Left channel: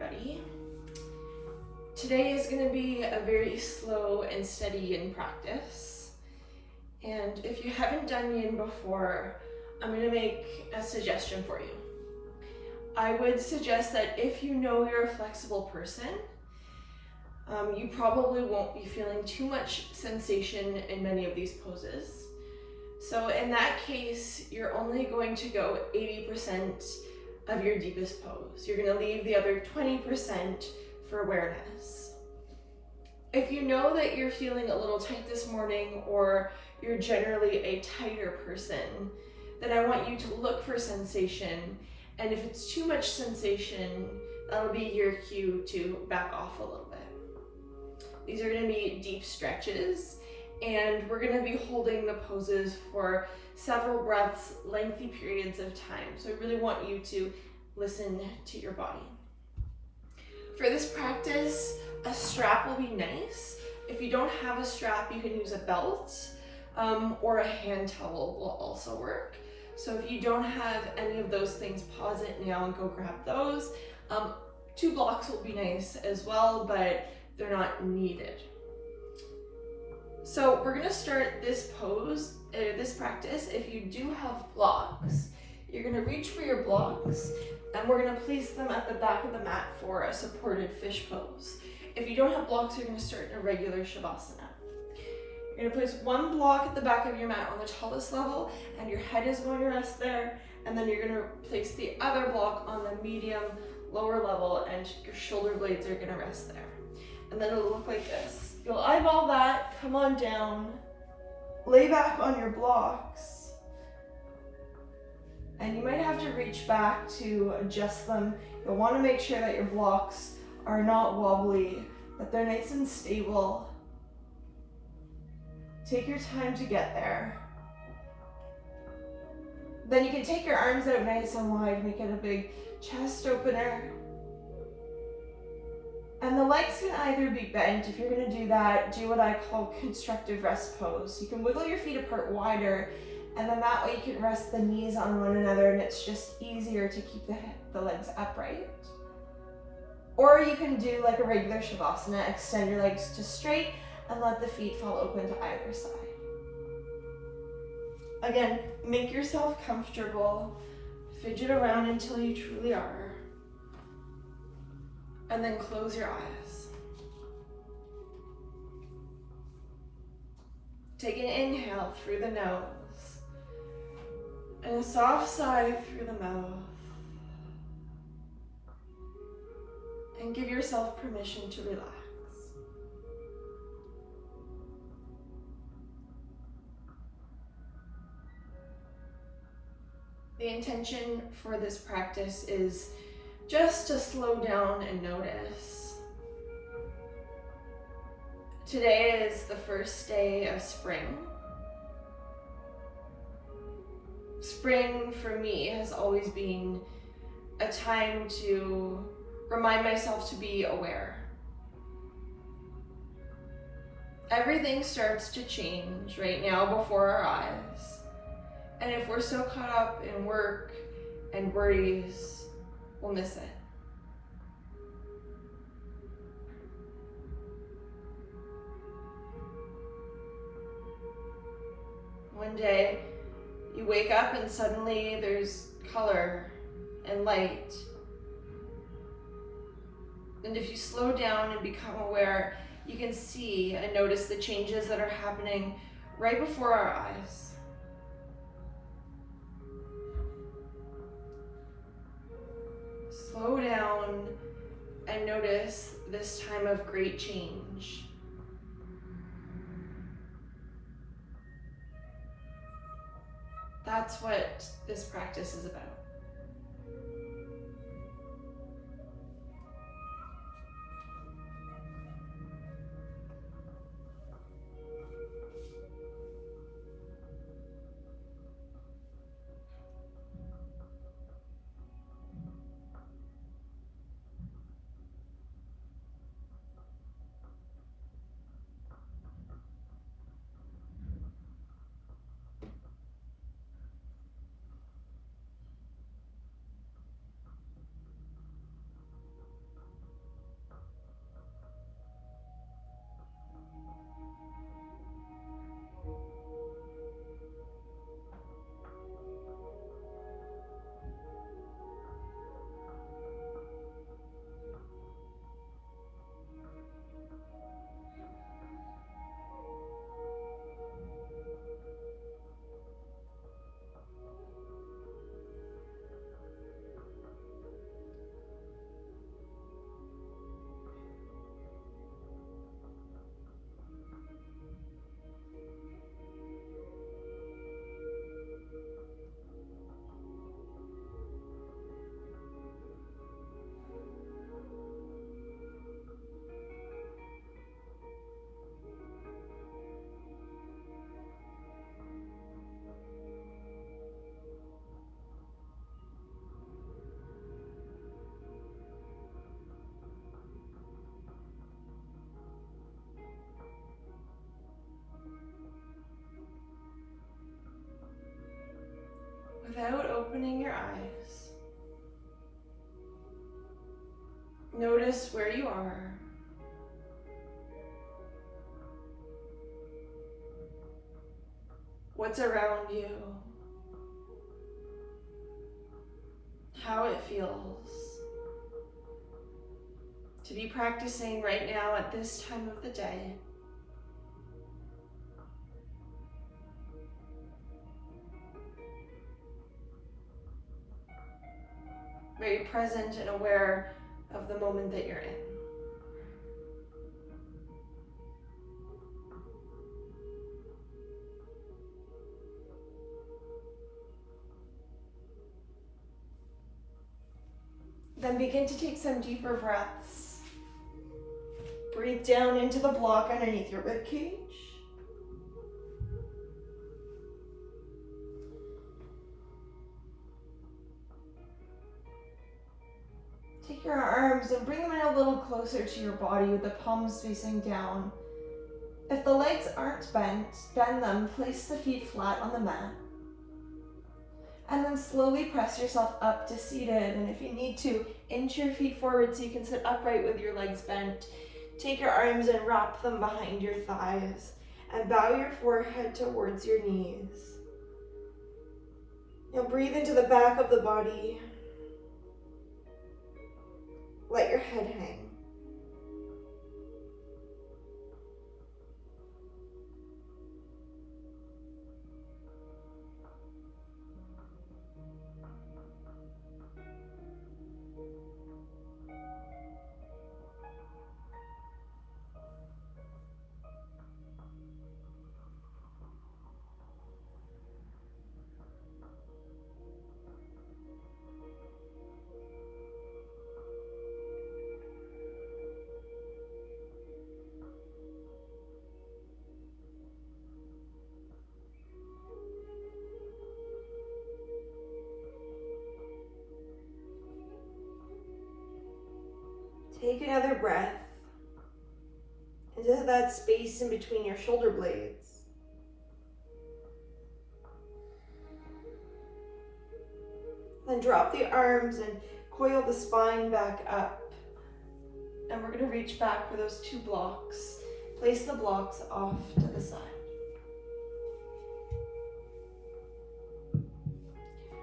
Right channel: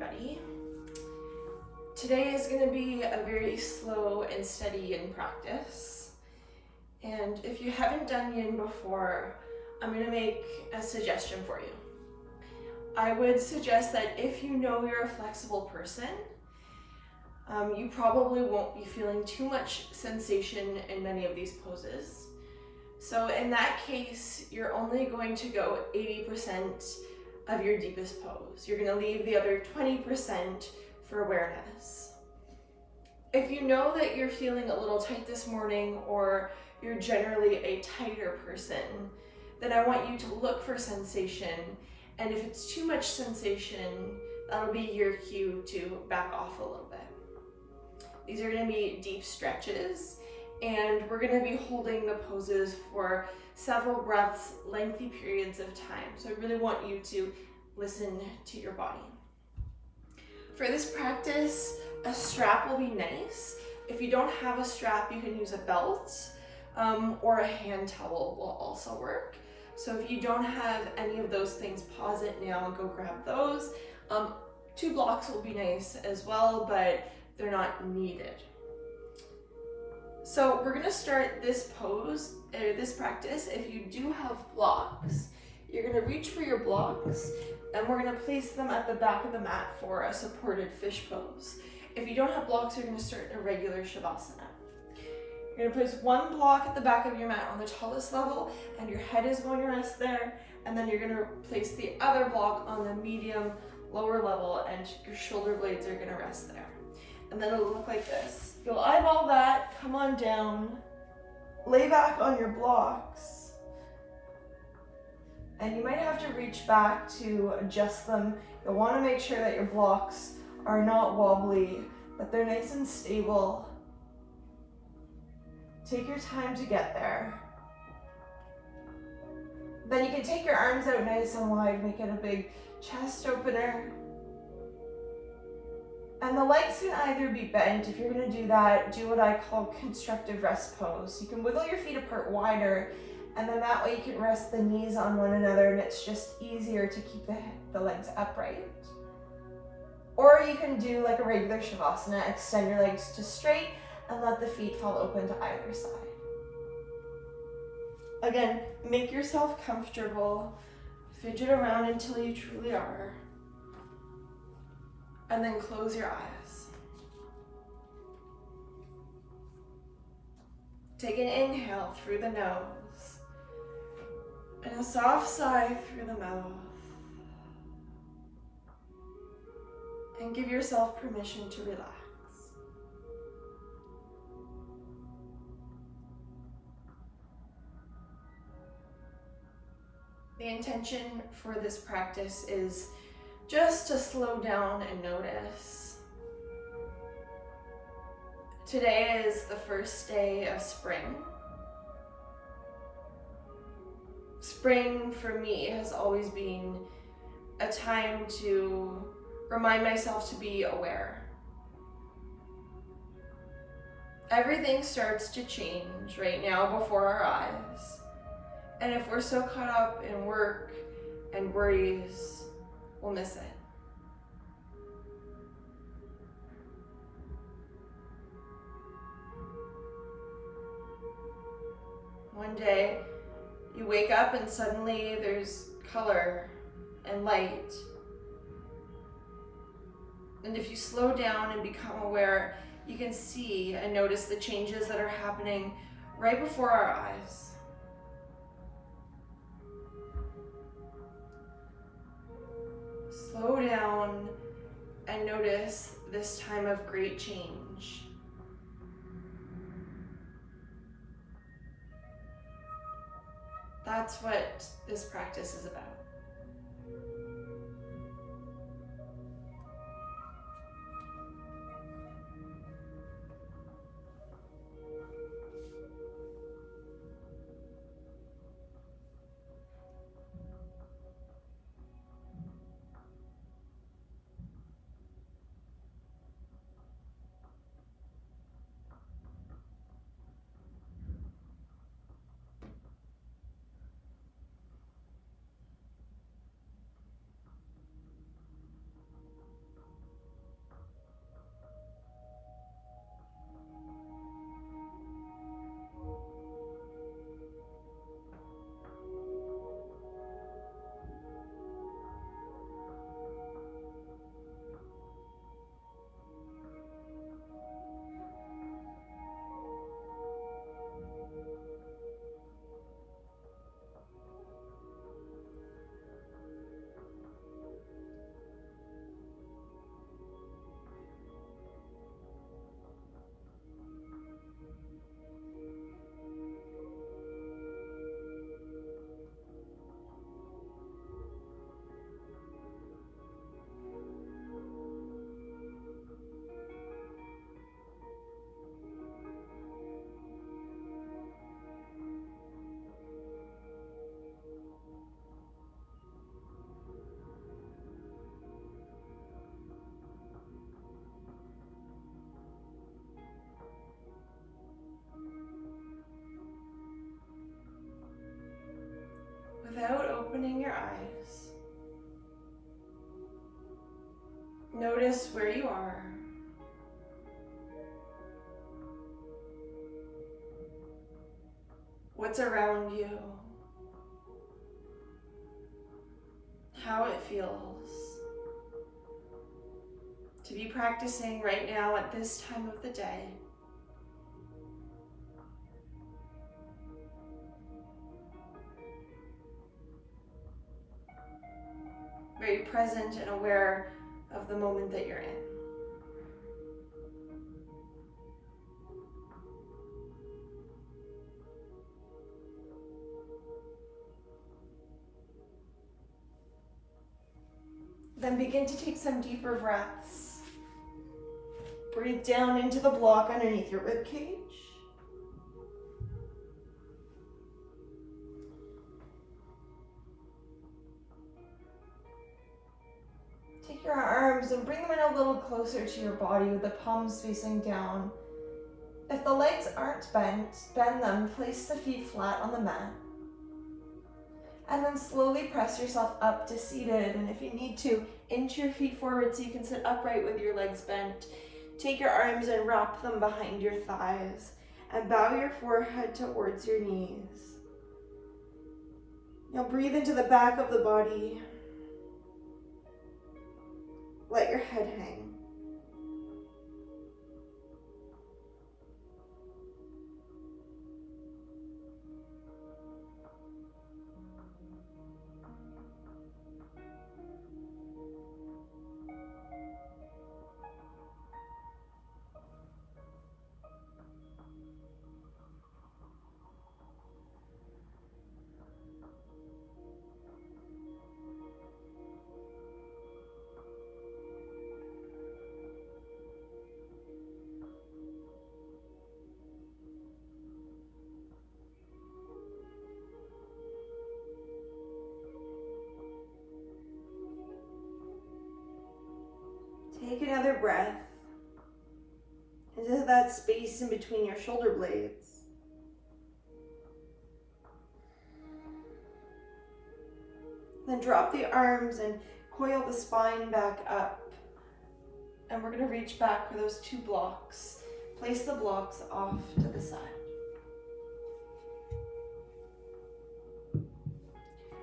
everybody. Today is going to be a very slow and steady yin practice. And if you haven't done yin before, I'm going to make a suggestion for you. I would suggest that if you know you're a flexible person, you probably won't be feeling too much sensation in many of these poses. So in that case, you're only going to go 80% of your deepest pose. You're going to leave the other 20% for awareness. If you know that you're feeling a little tight this morning, or you're generally a tighter person, then I want you to look for sensation. And if it's too much sensation, that'll be your cue to back off a little bit. These are going to be deep stretches, and we're going to be holding the poses for several breaths, lengthy periods of time. So I really want you to listen to your body. For this practice, a strap will be nice. If you don't have a strap, you can use a belt, or a hand towel will also work. So if you don't have any of those things, pause it now and go grab those. 2 blocks will be nice as well, but they're not needed. So we're gonna start this pose, this practice. If you do have blocks, you're gonna reach for your blocks, and we're gonna place them at the back of the mat for a supported fish pose. If you don't have blocks, you're gonna start in a regular Shavasana. You're gonna place one block at the back of your mat on the tallest level, and your head is going to rest there, and then you're gonna place the other block on the medium, lower level, and your shoulder blades are gonna rest there. And then it'll look like this. You'll eyeball that, come on down, lay back on your blocks, and you might have to reach back to adjust them. You'll want to make sure that your blocks are not wobbly, that they're nice and stable. Take your time to get there. Then you can take your arms out nice and wide, make it a big chest opener. And the legs can either be bent. If you're going to do that, do what I call constructive rest pose. You can wiggle your feet apart wider, and then that way you can rest the knees on one another, and it's just easier to keep the legs upright. Or you can do like a regular Shavasana, extend your legs to straight and let the feet fall open to either side. Again, make yourself comfortable, fidget around until you truly are. And then close your eyes. Take an inhale through the nose and a soft sigh through the mouth. And give yourself permission to relax. The intention for this practice is just to slow down and notice. Today is the first day of spring. Spring for me has always been a time to remind myself to be aware. Everything starts to change right now before our eyes. And if we're so caught up in work and worries, we'll miss it. One day, you wake up and suddenly there's color and light. And if you slow down and become aware, you can see and notice the changes that are happening right before our eyes. Slow down and notice this time of great change. That's what this practice is about. without opening your eyes. Notice where you are. What's around you. How it feels to be practicing right now at this time of the day. Very present and aware of the moment that you're in. Then begin to take some deeper breaths. Breathe down into the block underneath your rib cage. Take your arms and bring them in a little closer to your body with the palms facing down. If the legs aren't bent, bend them, place the feet flat on the mat. And then slowly press yourself up to seated. And if you need to, inch your feet forward so you can sit upright with your legs bent. Take your arms and wrap them behind your thighs. And bow your forehead towards your knees. You'll breathe into the back of the body. Let your head hang. Take another breath into that space in between your shoulder blades. Then drop the arms and coil the spine back up. And we're going to reach back for those two blocks. Place the blocks off to the side.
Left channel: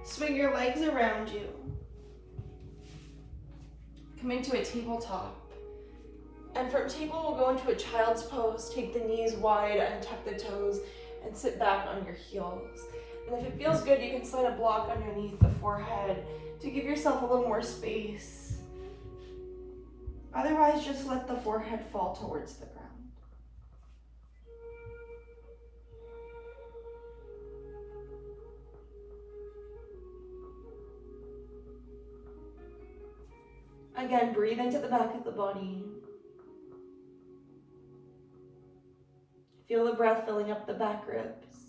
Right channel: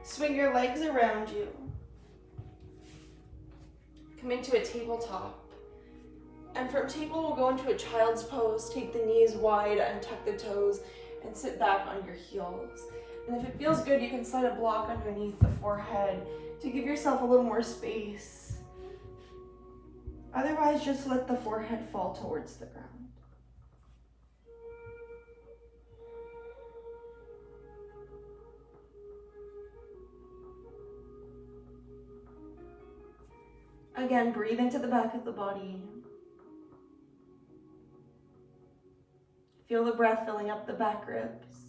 Swing your legs around you. Come into a tabletop. And from table, we'll go into a child's pose. Take the knees wide, untuck the toes, and sit back on your heels. And if it feels good, you can slide a block underneath the forehead to give yourself a little more space. Otherwise, just let the forehead fall towards the ground. Again, breathe into the back of the body. Feel the breath filling up the back ribs.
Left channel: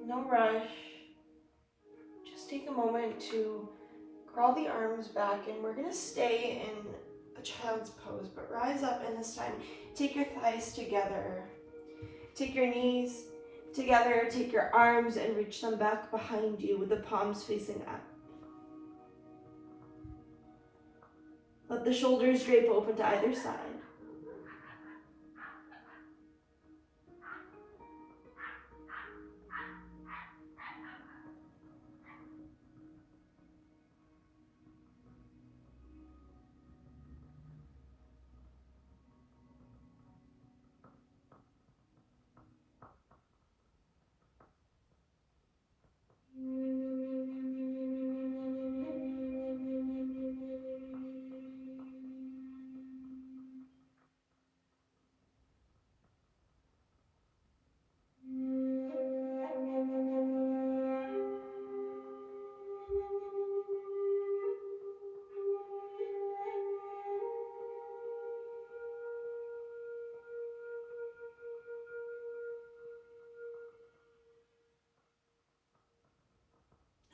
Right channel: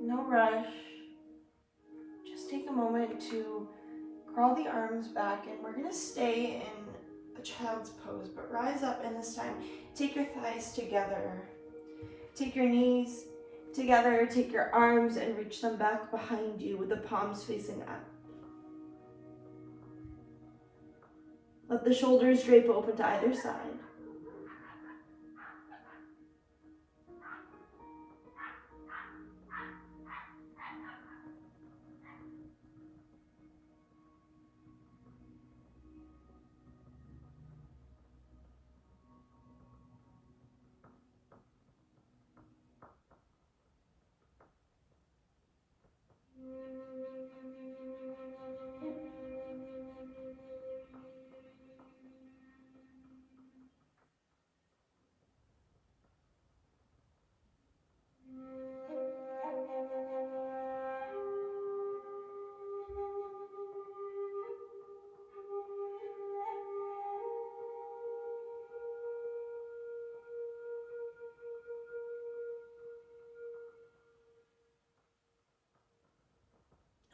No rush. Just take a moment to crawl the arms back, and we're gonna stay in a child's pose, but rise up, and this time take your thighs together. Take your knees together, take your arms and reach them back behind you with the palms facing up. Let the shoulders drape open to either side.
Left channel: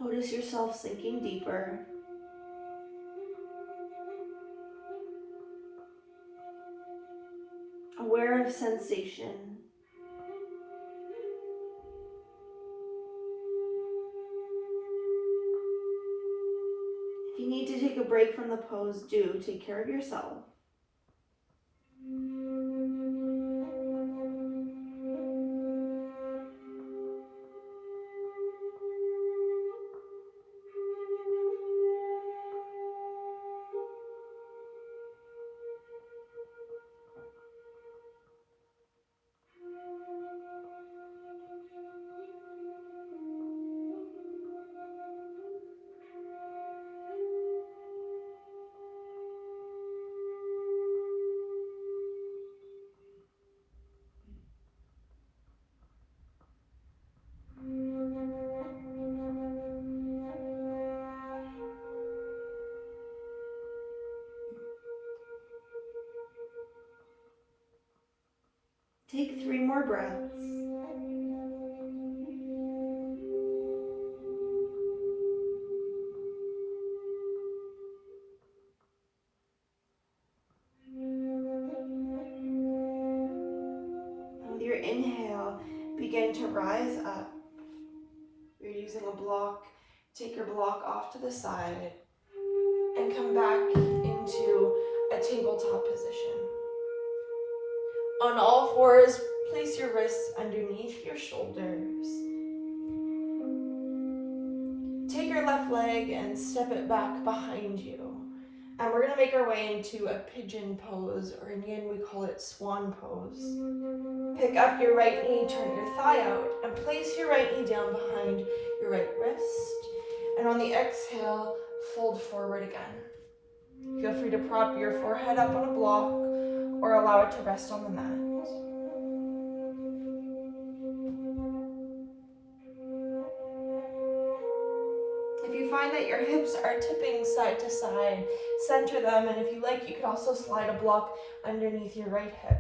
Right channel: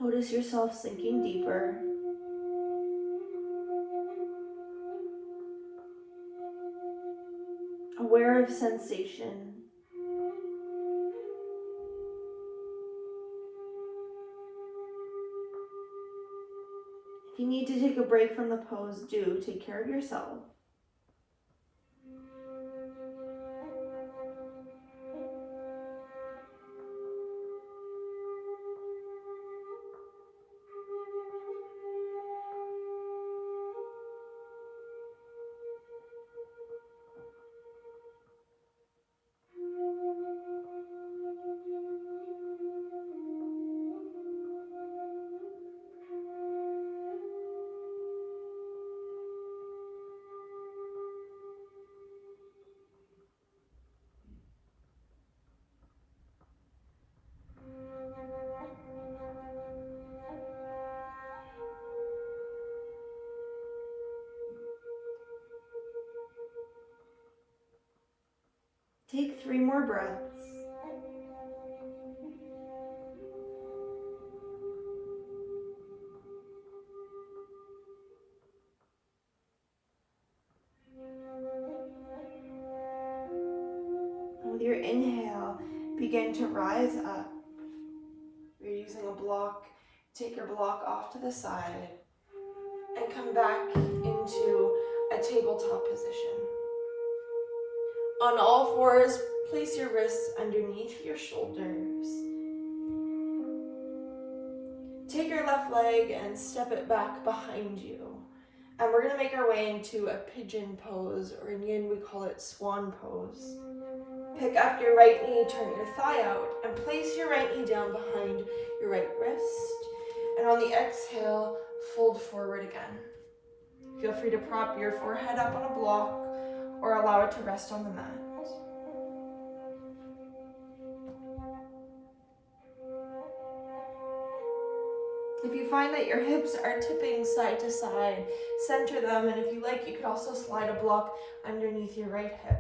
Notice yourself sinking deeper. Aware of sensation. If you need to take a break from the pose, do. Take care of yourself. Take 3 more breaths. And with your inhale, begin to rise up. You're using a block. Take your block off to the side and come back into a tabletop position. On all fours, place your wrists underneath your shoulders. Take your left leg and step it back behind you. And we're gonna make our way into a pigeon pose, or in yin we call it swan pose. Pick up your right knee, turn your thigh out, and place your right knee down behind your right wrist. And on the exhale, fold forward again. Feel free to prop your forehead up on a block or allow it to rest on the mat. If you find that your hips are tipping side to side, center them, and if you like, you could also slide a block underneath your right hip.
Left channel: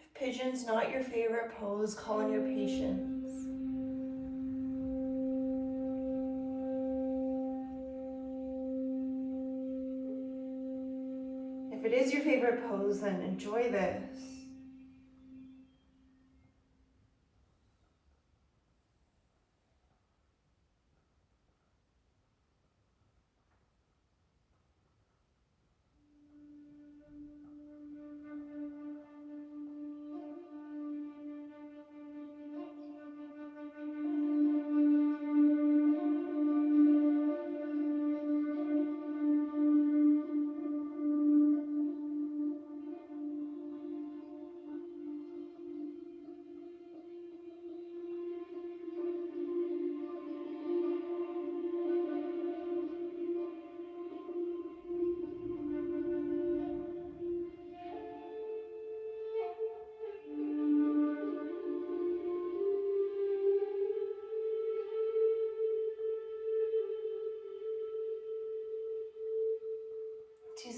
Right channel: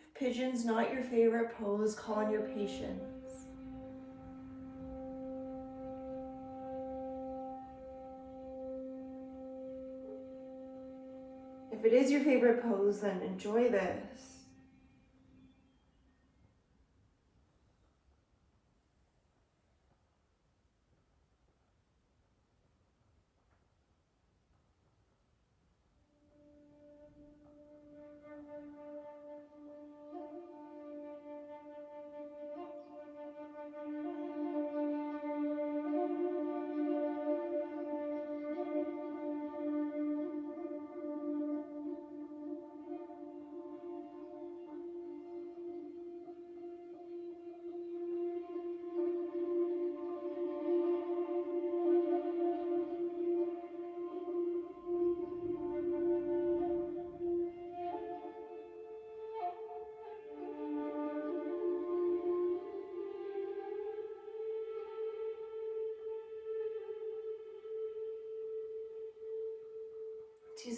If pigeon's not your favorite pose, call on your patience. If it is your favorite pose, then enjoy this.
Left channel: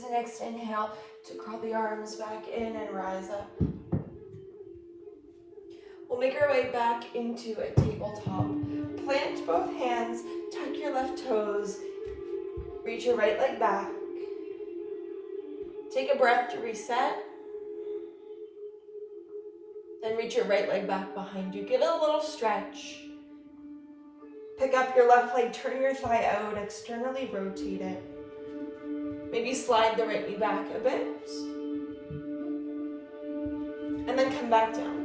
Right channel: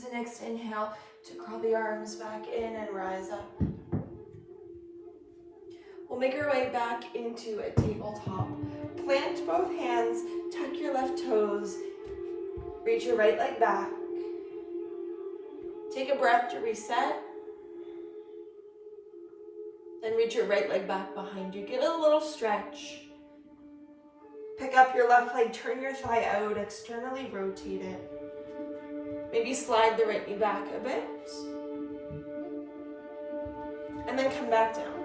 Use the next inhale to crawl the arms back in and rise up. We'll make our way back into a tabletop. Plant both hands, tuck your left toes, reach your right leg back. Take a breath to reset. Then reach your right leg back behind you. Give it a little stretch. Pick up your left leg, turn your thigh out, externally rotate it. Maybe slide the right knee back a bit. And then come back down.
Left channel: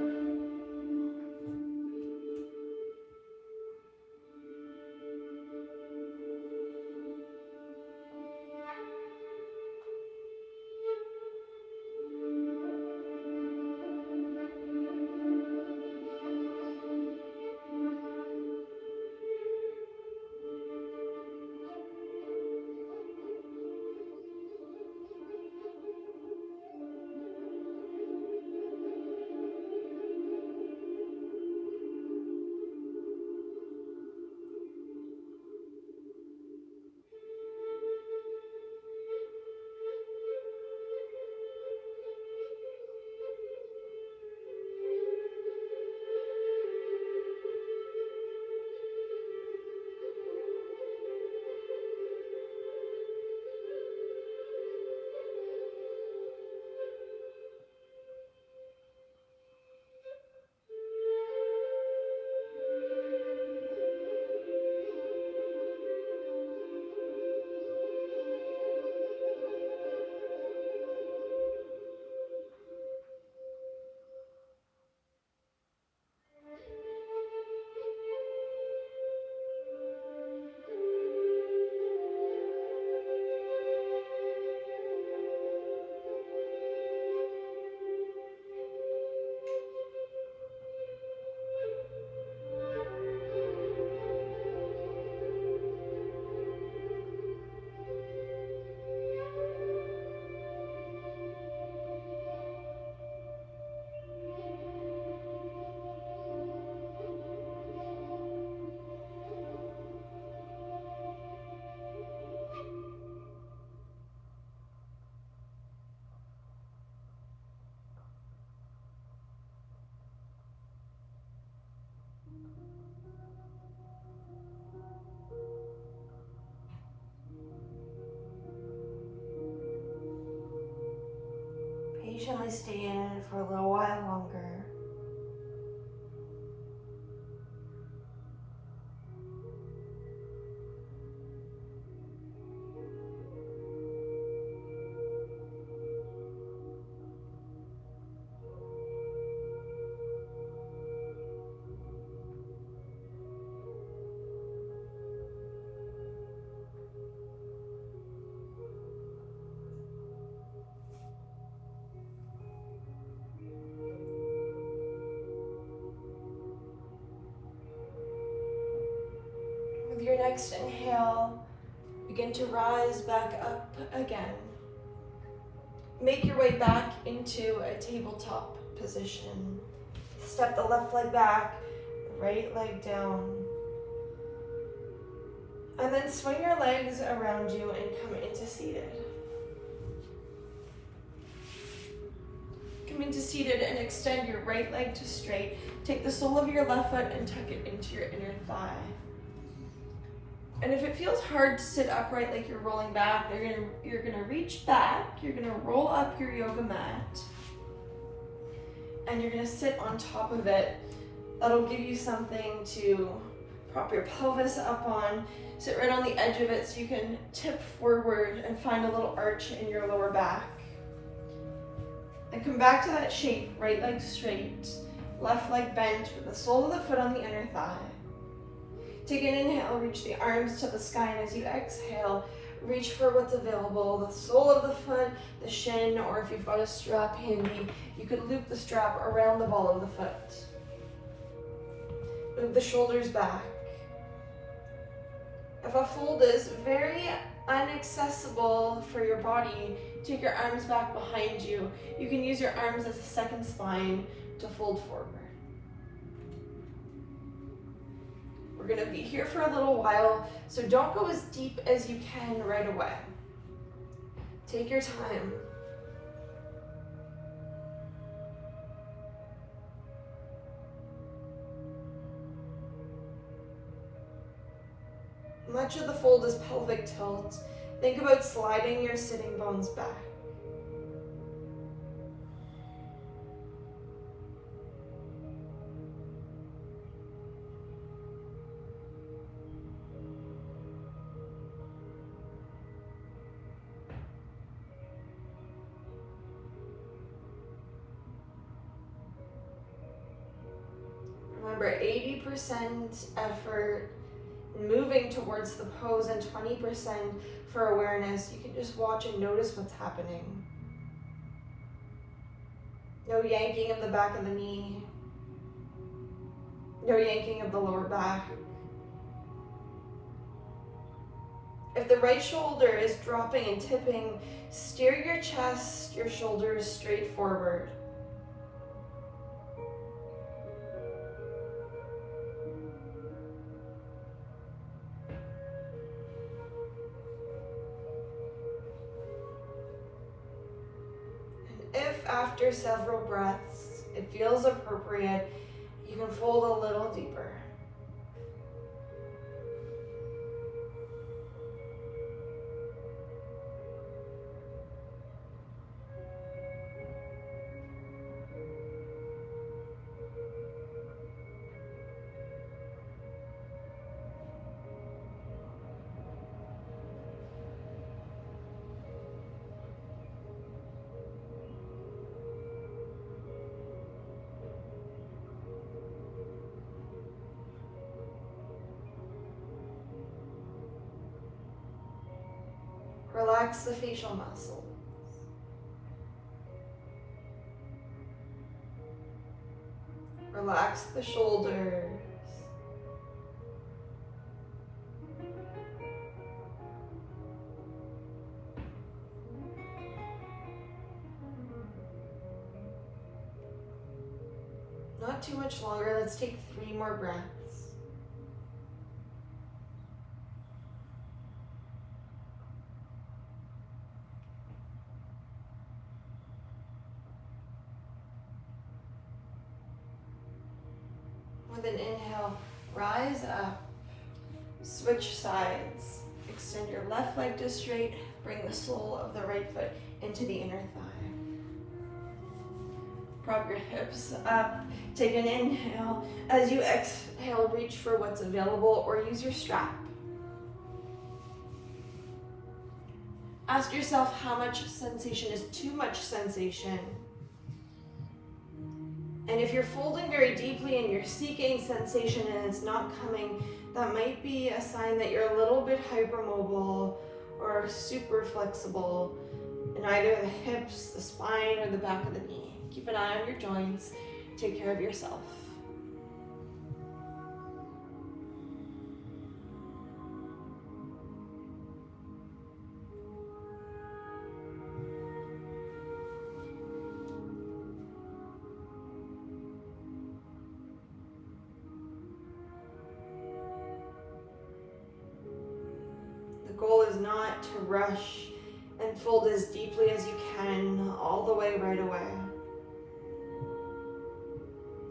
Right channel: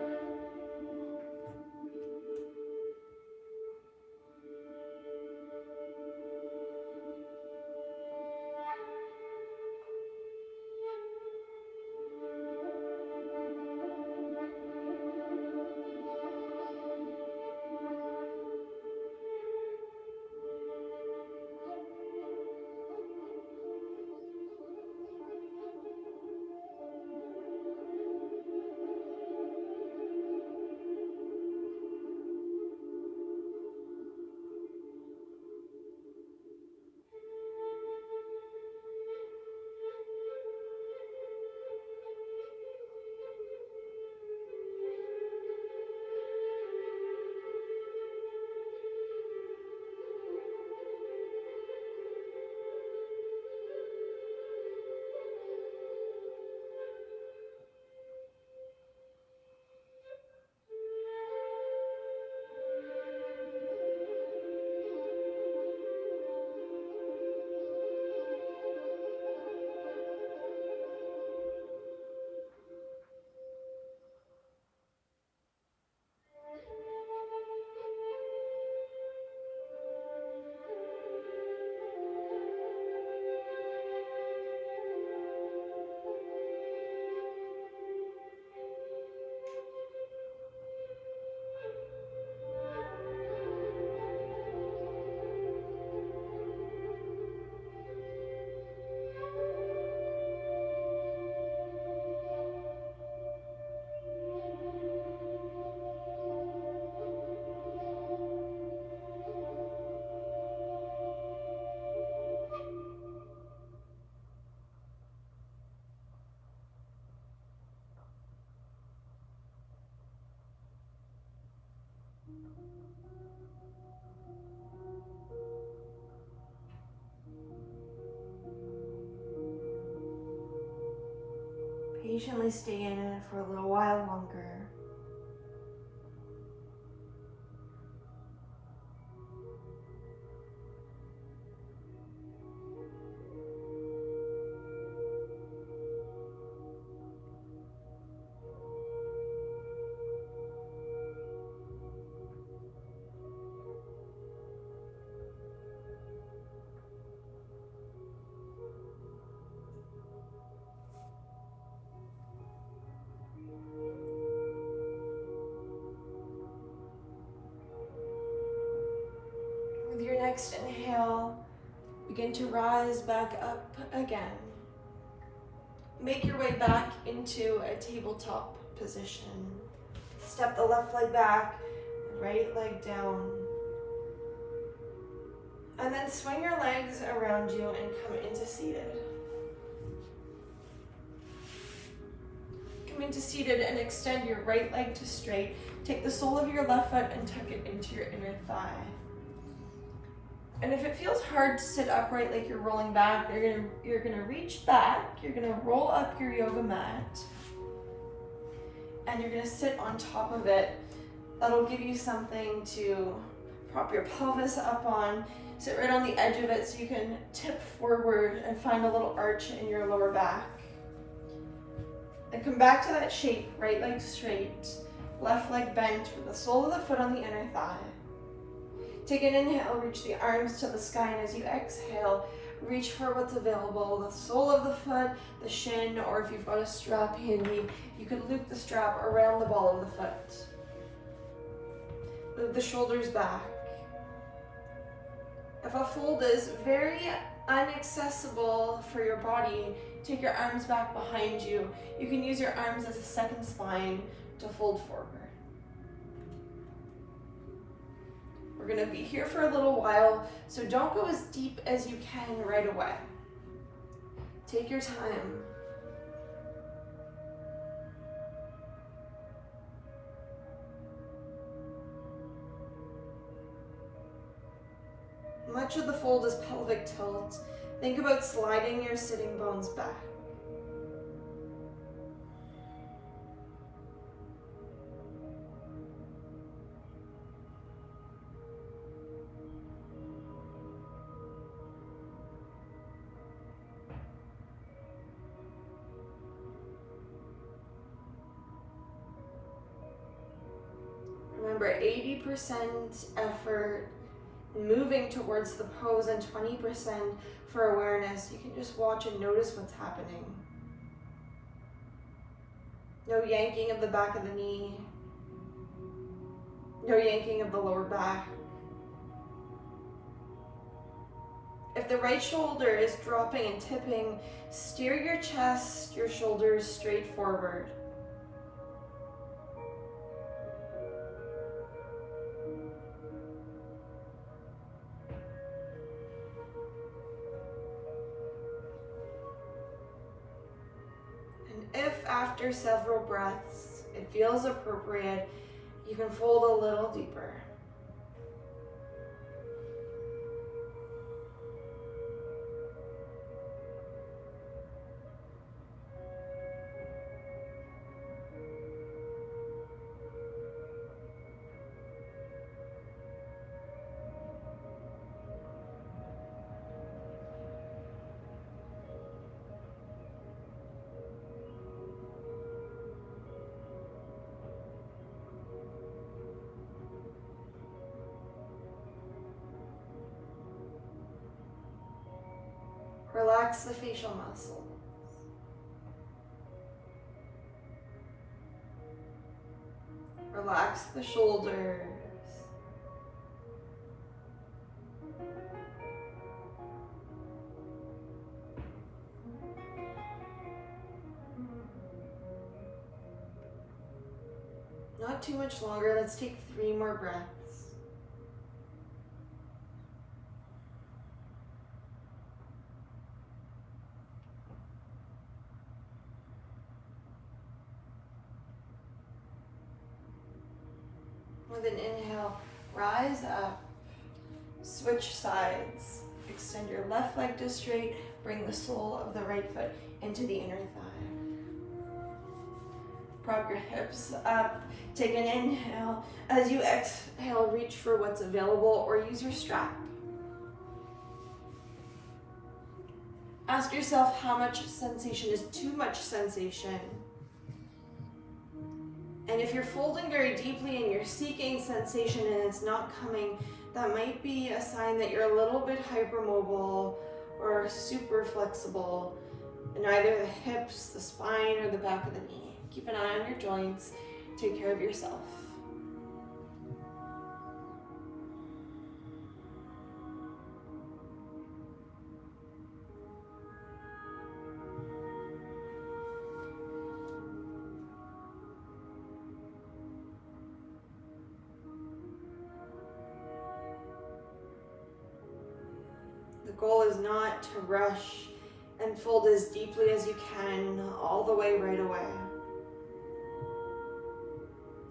Patiently stay in it for a little while longer. With your next inhale, begin to rise back up again. Make your way back into a tabletop position. Step the left leg back, the right leg down. And then swing your legs around you and come into seated. Come into seated and extend your right leg to straight. Take the sole of your left foot and tuck it into your inner thigh. And if it feels hard to sit upright like you're rolling back, you're gonna reach back, you're gonna roll up your yoga mat, and you're gonna sit on top of it. That'll give you something to prop your pelvis up on. Sit right on the edge of it so you can tip forward and find a little arch in your lower back. And come back to that shape, right leg straight, left leg bent with the sole of the foot on the inner thigh. Take an inhale, reach the arms to the sky, and as you exhale, reach for what's available, the sole of the foot, the shin, or if you've got a strap handy, you could loop the strap around the ball of the foot. Move the shoulders back. If a fold is very inaccessible for your body, take your arms back behind you. You can use your arms as a second spine to fold forward. We're gonna be here for a little while, so don't go as deep as you can right away. Take your time. Much of the fold is pelvic tilt. Think about sliding your sitting bones back. Remember, 80% effort moving towards the pose and 20% for awareness. You can just watch and notice what's happening. No yanking of the back of the knee. No yanking of the lower back. If the right shoulder is dropping and tipping, steer your chest, your shoulders straight forward. And if after several breaths it feels appropriate, you can fold a little deeper. Relax the facial muscles. Relax the shoulders. Not too much longer. Let's take 3 more breaths. With an inhale, rise up, switch sides. Extend your left leg to straight, bring the sole of the right foot into the inner thigh. Prop your hips up, take an inhale. As you exhale, reach for what's available or use your strap. Ask yourself how much sensation is too much sensation. And if you're folding very deeply and you're seeking sensation and it's not coming, that might be a sign that you're a little bit hypermobile or super flexible in either the hips, the spine, or the back of the knee. Keep an eye on your joints. Take care of yourself. The goal is not to rush and fold as deeply as you can all the way right away.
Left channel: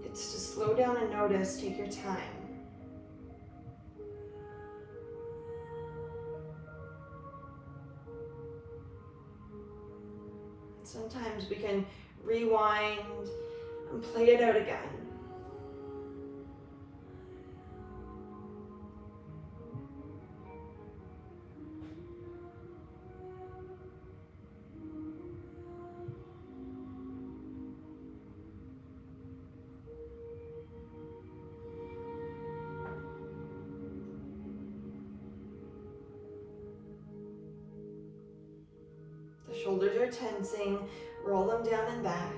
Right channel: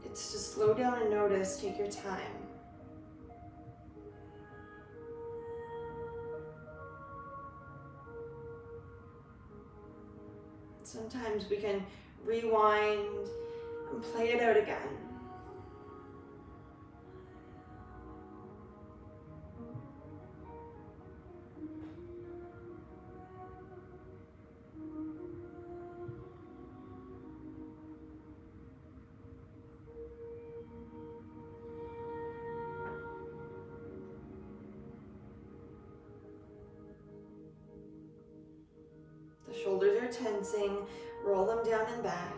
It's to slow down and notice, take your time. Sometimes we can rewind and play it out again. The shoulders are tensing, roll them down and back.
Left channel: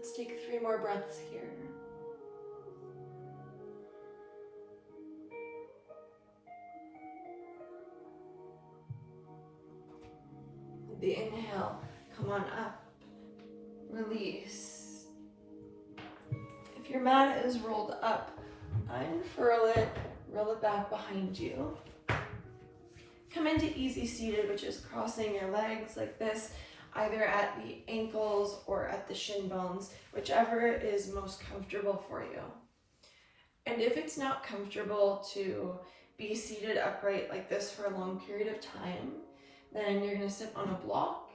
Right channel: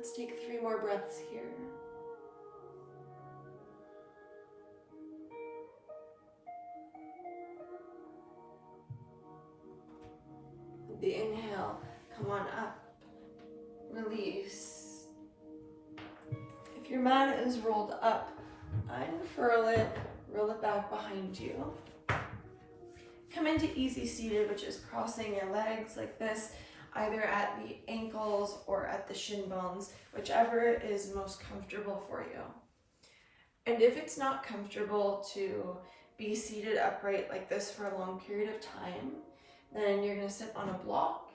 Let's take 3 more breaths here. The inhale, come on up, release. If your mat is rolled up, unfurl it, roll it back behind you. Come into easy seated, which is crossing your legs like this, either at the ankles or at the shin bones, whichever is most comfortable for you. And if it's not comfortable to be seated upright like this for a long period of time, then you're going to sit on a block,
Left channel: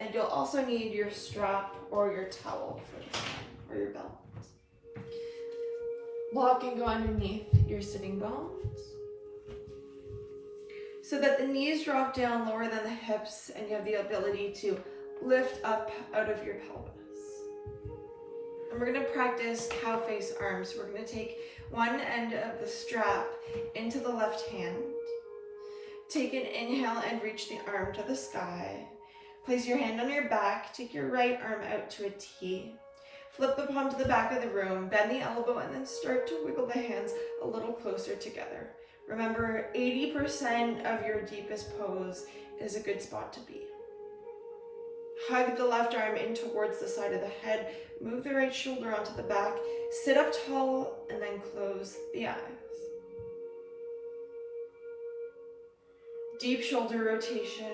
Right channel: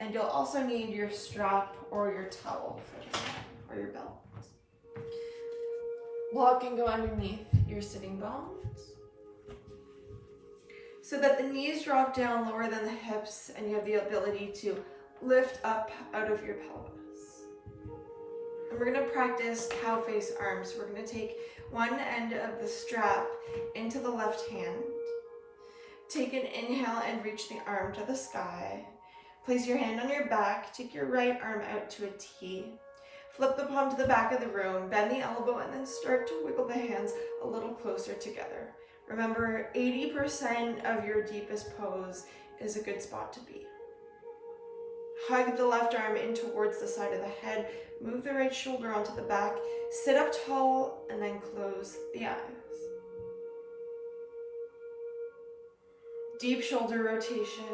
and you'll also need your strap or your towel for this one, or your belt. Block can go underneath your sitting bones so that the knees drop down lower than the hips and you have the ability to lift up out of your pelvis. And we're going to practice cow face arms. We're going to take one end of the strap into the left hand. Take an inhale and reach the arm to the sky. Place your hand on your back. Take your right arm out to a T. Flip the palm to the back of the room. Bend the elbow and then start to wiggle the hands a little closer together. Remember, 80% of your deepest pose is a good spot to be. Hug the left arm in towards the side of the head. Move the right shoulder onto the back. Sit up tall and then close the eyes. Deep shoulder rotation.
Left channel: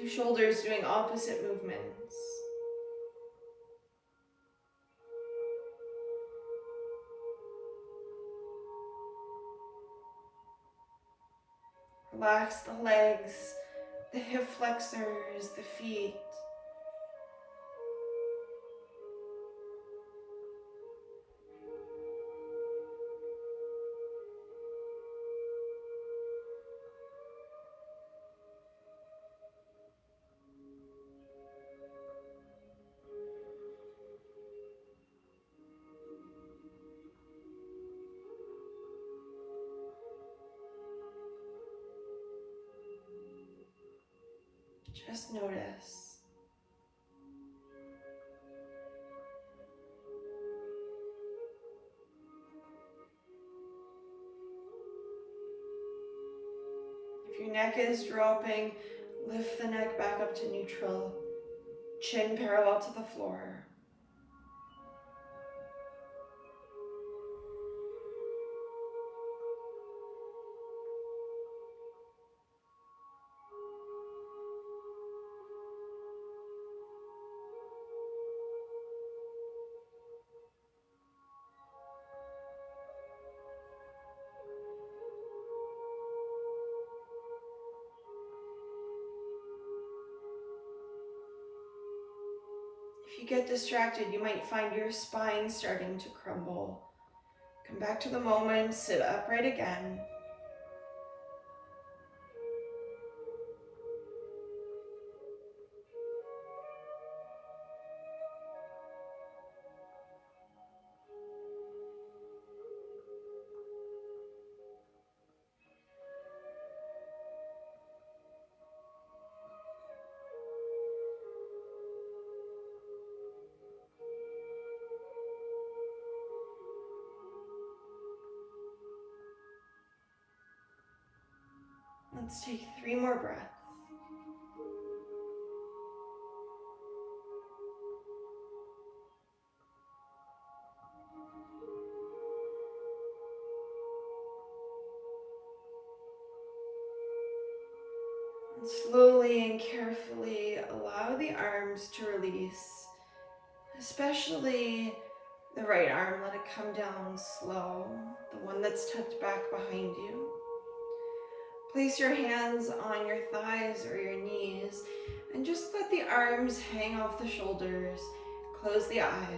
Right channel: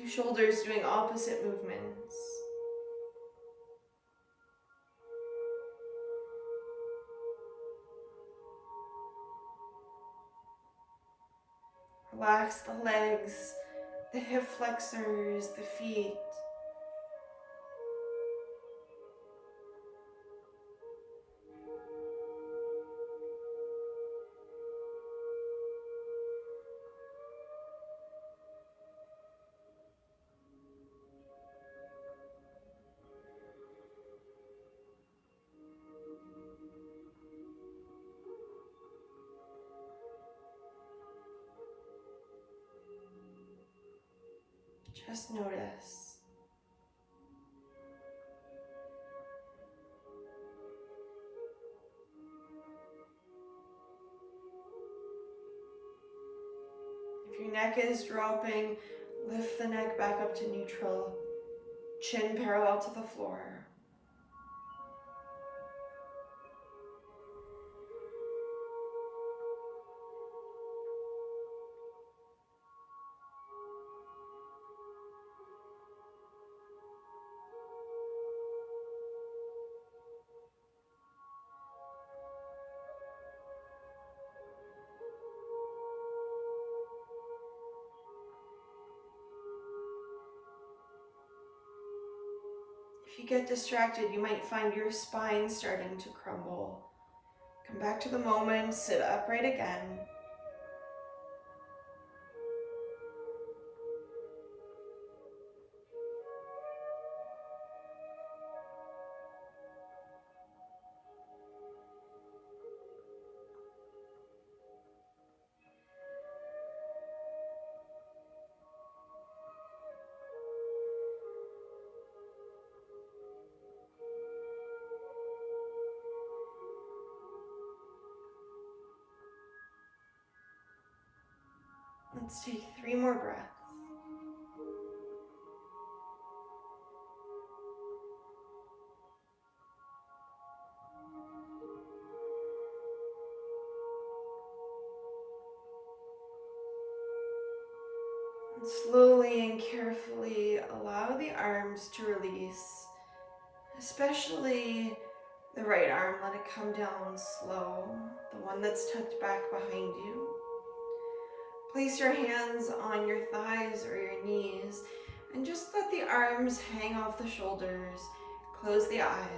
2 shoulders doing opposite movements. Relax the legs, the hip flexors, the feet. Just notice. If your neck is dropping, lift the neck back up to neutral, chin parallel to the floor. If you get distracted, you might find your spine starting to crumble. Come back to the moment, sit upright again. Let's take 3 more breaths. And slowly and carefully allow the arms to release, especially the right arm. Let it come down slow, the one that's tucked back behind you. Place your hands on your thighs or your knees and just let the arms hang off the shoulders. Close the eyes.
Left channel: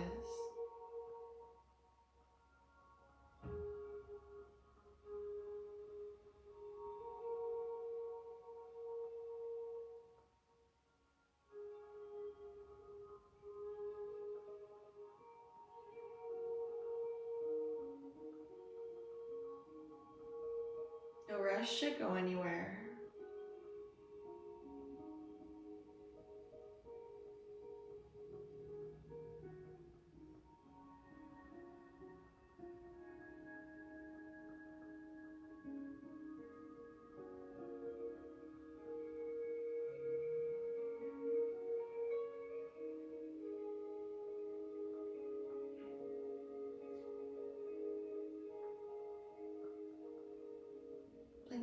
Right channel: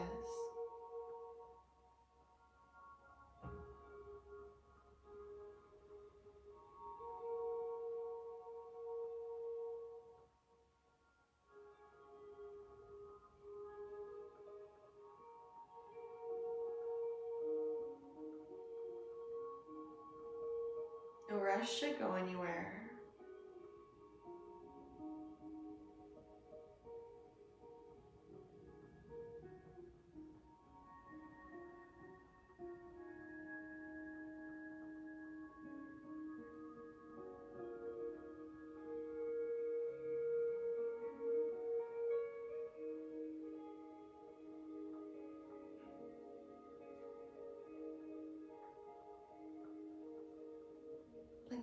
No rush to go anywhere.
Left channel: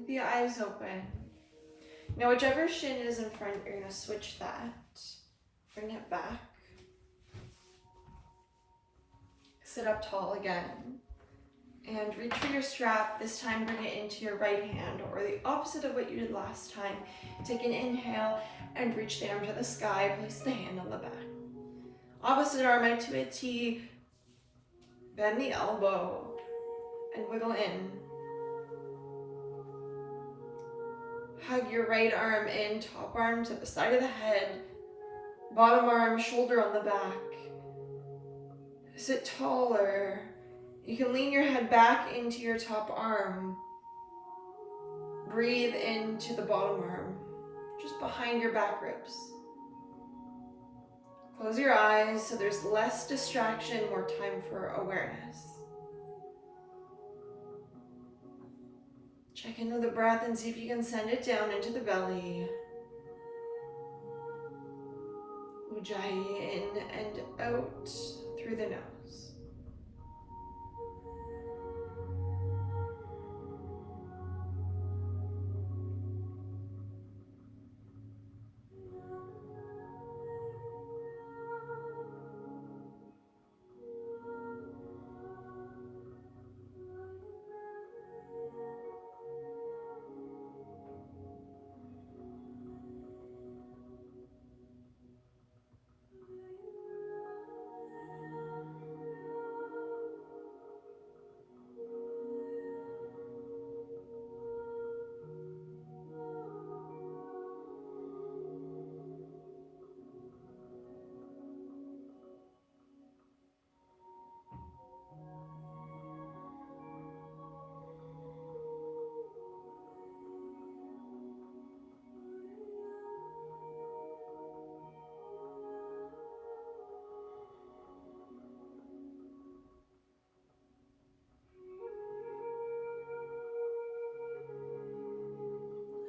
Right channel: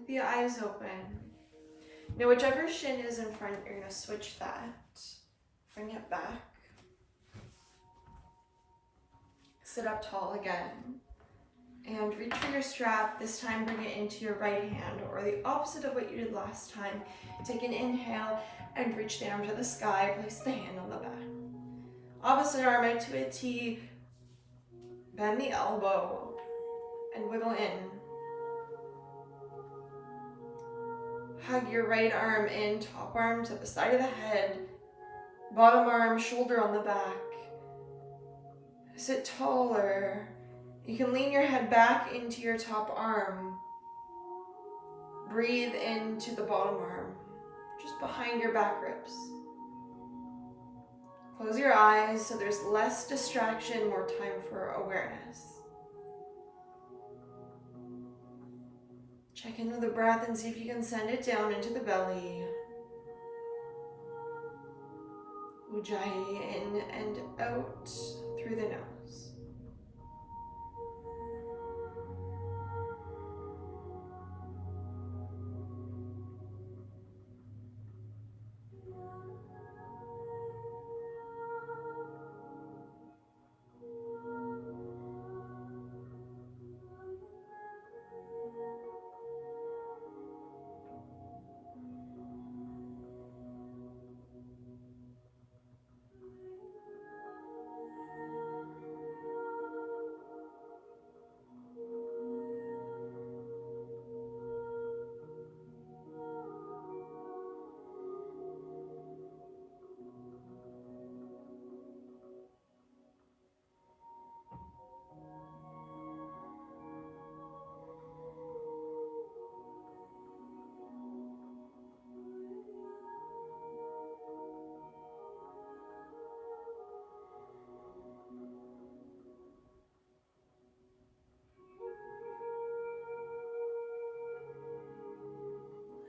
Keep the eyes open. Now whichever shin is in front, you're gonna switch that. Bring it back. Sit up tall again. And reach for your strap. This time bring it into your right hand, or the opposite of what you did last time. Take an inhale and reach the arm to the sky. Place the hand on the back. Opposite arm into a T. Bend the elbow and wiggle in. Hug your right arm in, top arm to the side of the head. Bottom arm, shoulder on the back. Sit taller. You can lean your head back into your top arm. Breathe into the bottom arm, just behind your back ribs. Close your eyes so there's less distraction, more time for awareness. Check in with the breath and see if you can send it down into the belly. Ujjayi in and out through the nose.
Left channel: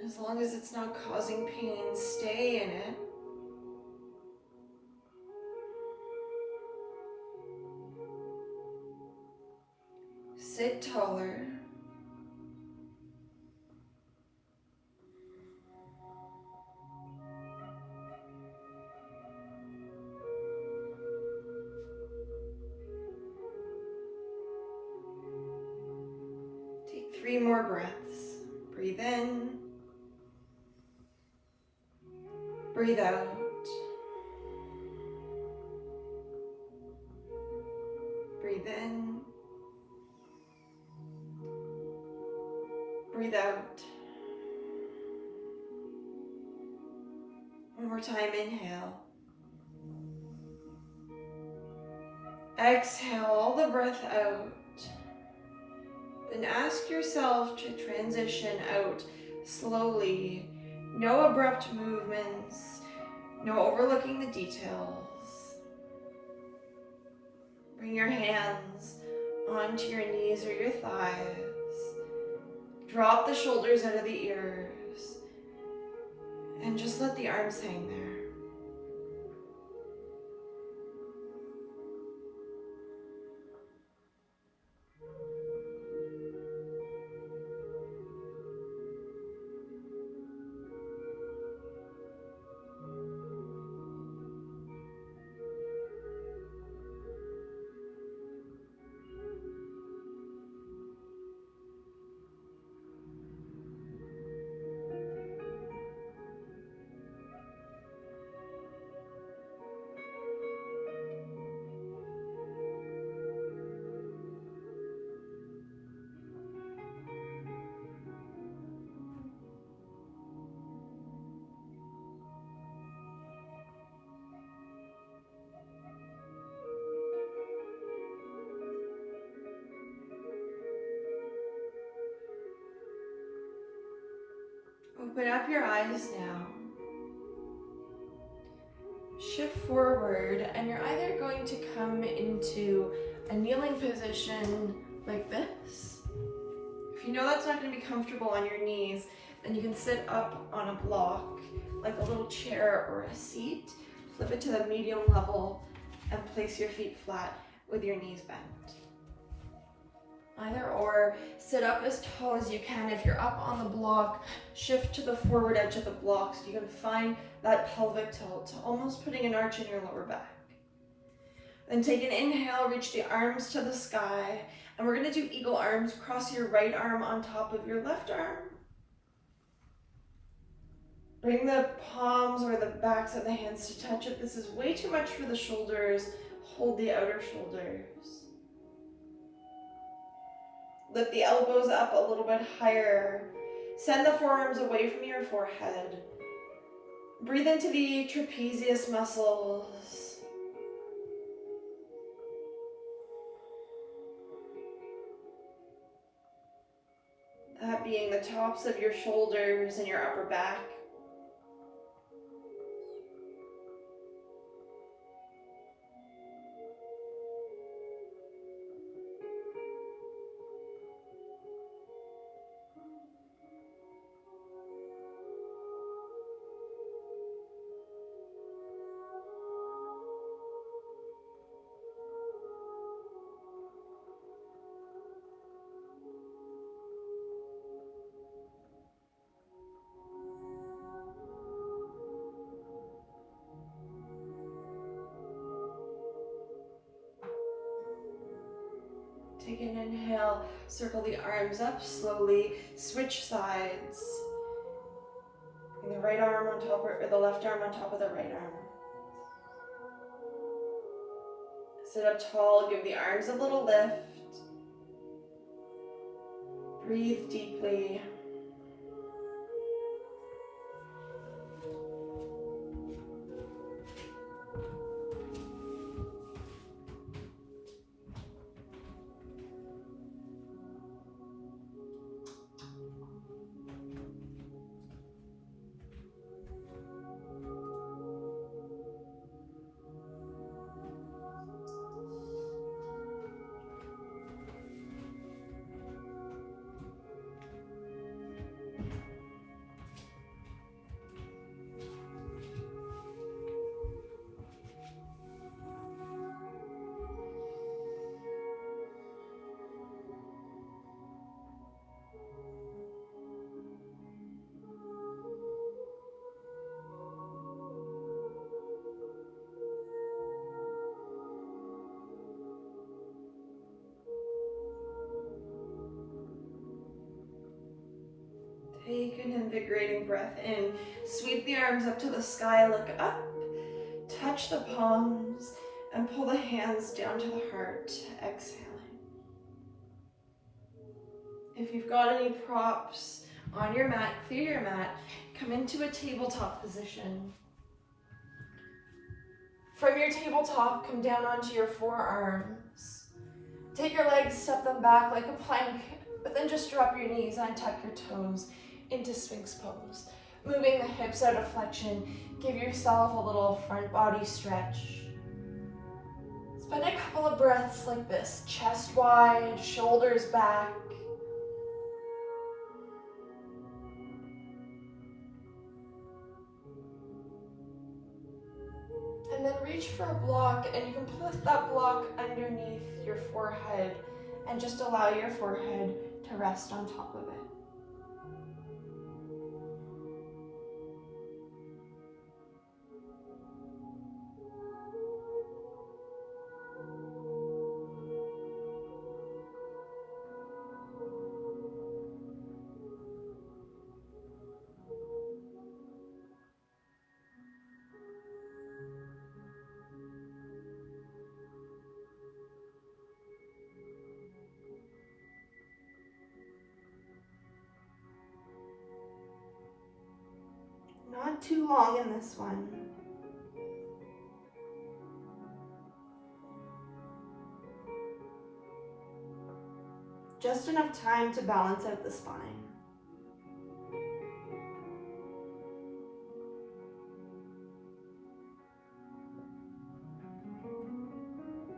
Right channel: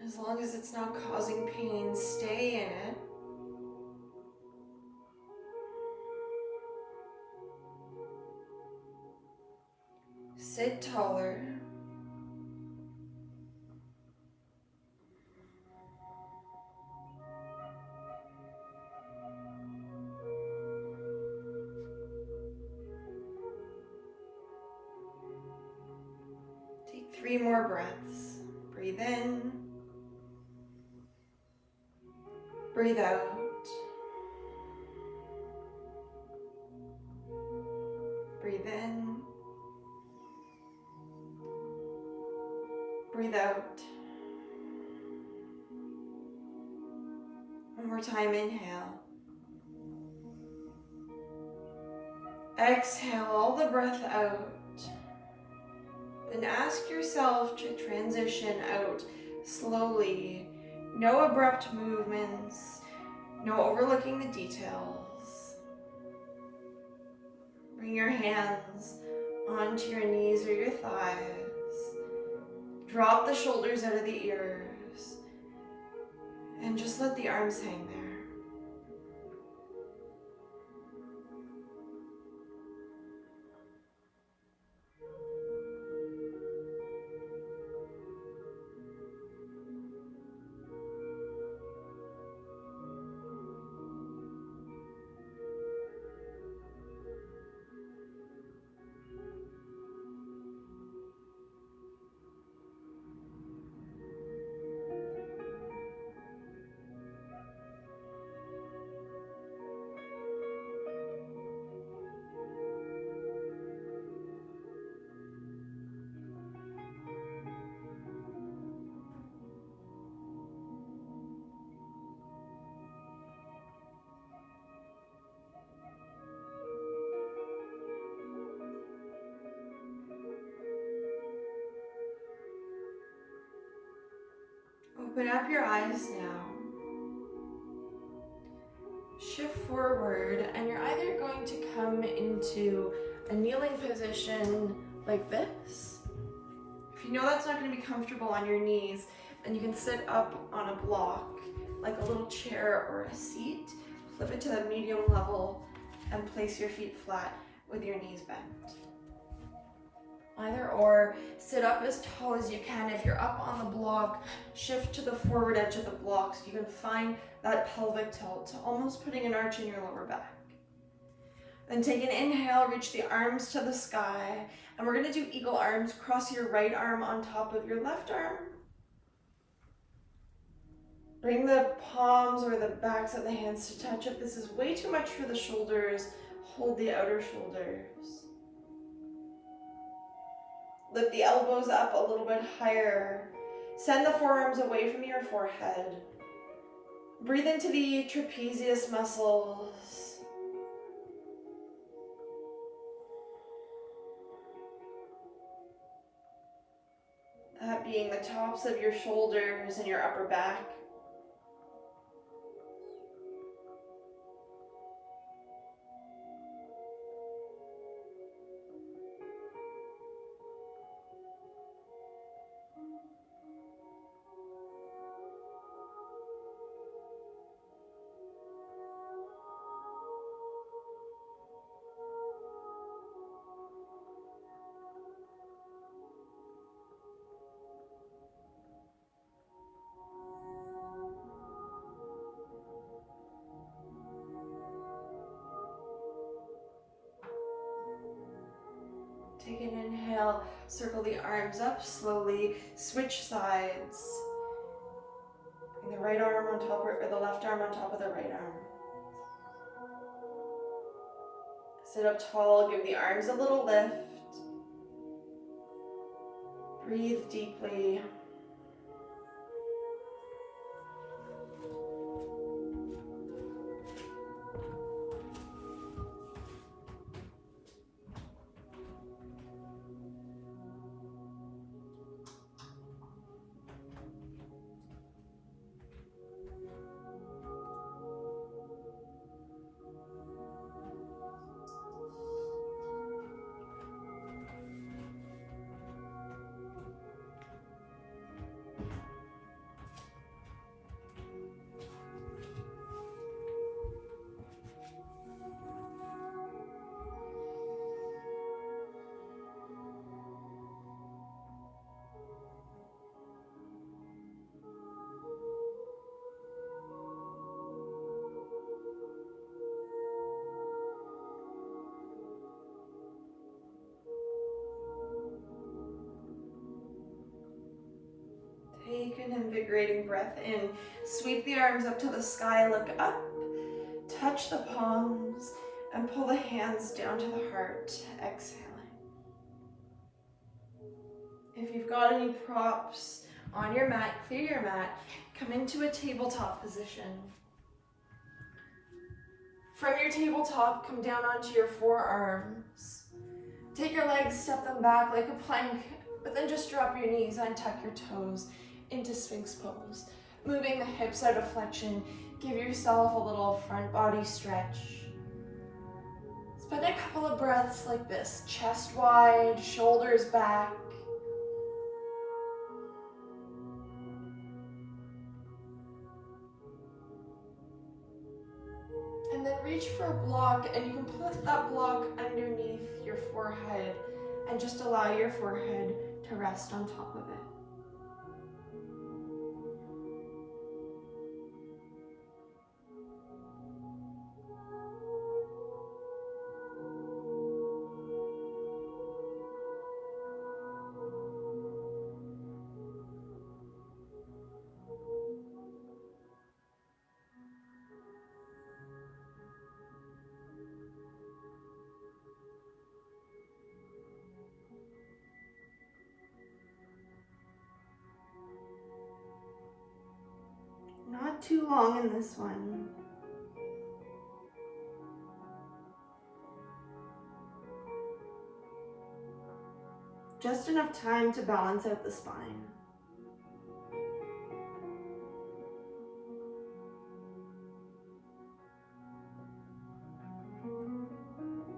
As long as it's not causing pain, stay in it. Sit taller. Take 3 more breaths. Breathe in. Breathe out. Breathe in. Breathe out. One more time, inhale. Exhale all the breath out. Then ask yourself to transition out slowly. No abrupt movements, no overlooking the details. Bring your hands onto your knees or your thighs. Drop the shoulders out of the ears and just let the arms hang there. Open up your eyes now. Shift forward, and you're either going to come into a kneeling position like this. If you know that's not going to be comfortable on your knees, then you can sit up on a block, like a little chair or a seat, flip it to the medium level, and place your feet flat with your knees bent. Either or, sit up as tall as you can. If you're up on the block, shift to the forward edge of the block so you can find that pelvic tilt, almost putting an arch in your lower back. Then take an inhale, reach the arms to the sky, and we're gonna do eagle arms. Cross your right arm on top of your left arm. Bring the palms or the backs of the hands to touch. If this is way too much for the shoulders, hold the outer shoulders. Lift the elbows up a little bit higher. Send the forearms away from your forehead. Breathe into the trapezius muscles. That being the tops of your shoulders and your upper back. Take an inhale, circle the arms up slowly, switch sides. Bring the right arm on top, or the left arm on top of the right arm. Sit up tall, give the arms a little lift. Breathe deeply. Take an invigorating breath in. Sweep the arms up to the sky, look up, touch the palms, and pull the hands down to the heart, exhaling. If you've got any props on your mat, clear your mat, come into a tabletop position. From your tabletop, come down onto your forearms. Take your legs, step them back like a plank, but then just drop your knees, untuck your toes into Sphinx pose. Moving the hips out of flexion, give yourself a little front body stretch. Spend a couple of breaths like this, chest wide, shoulders back. And then reach for a block, and you can put that block underneath your forehead and just allow your forehead to rest on top of it. Not too long in this one. Just enough time to balance out the spine.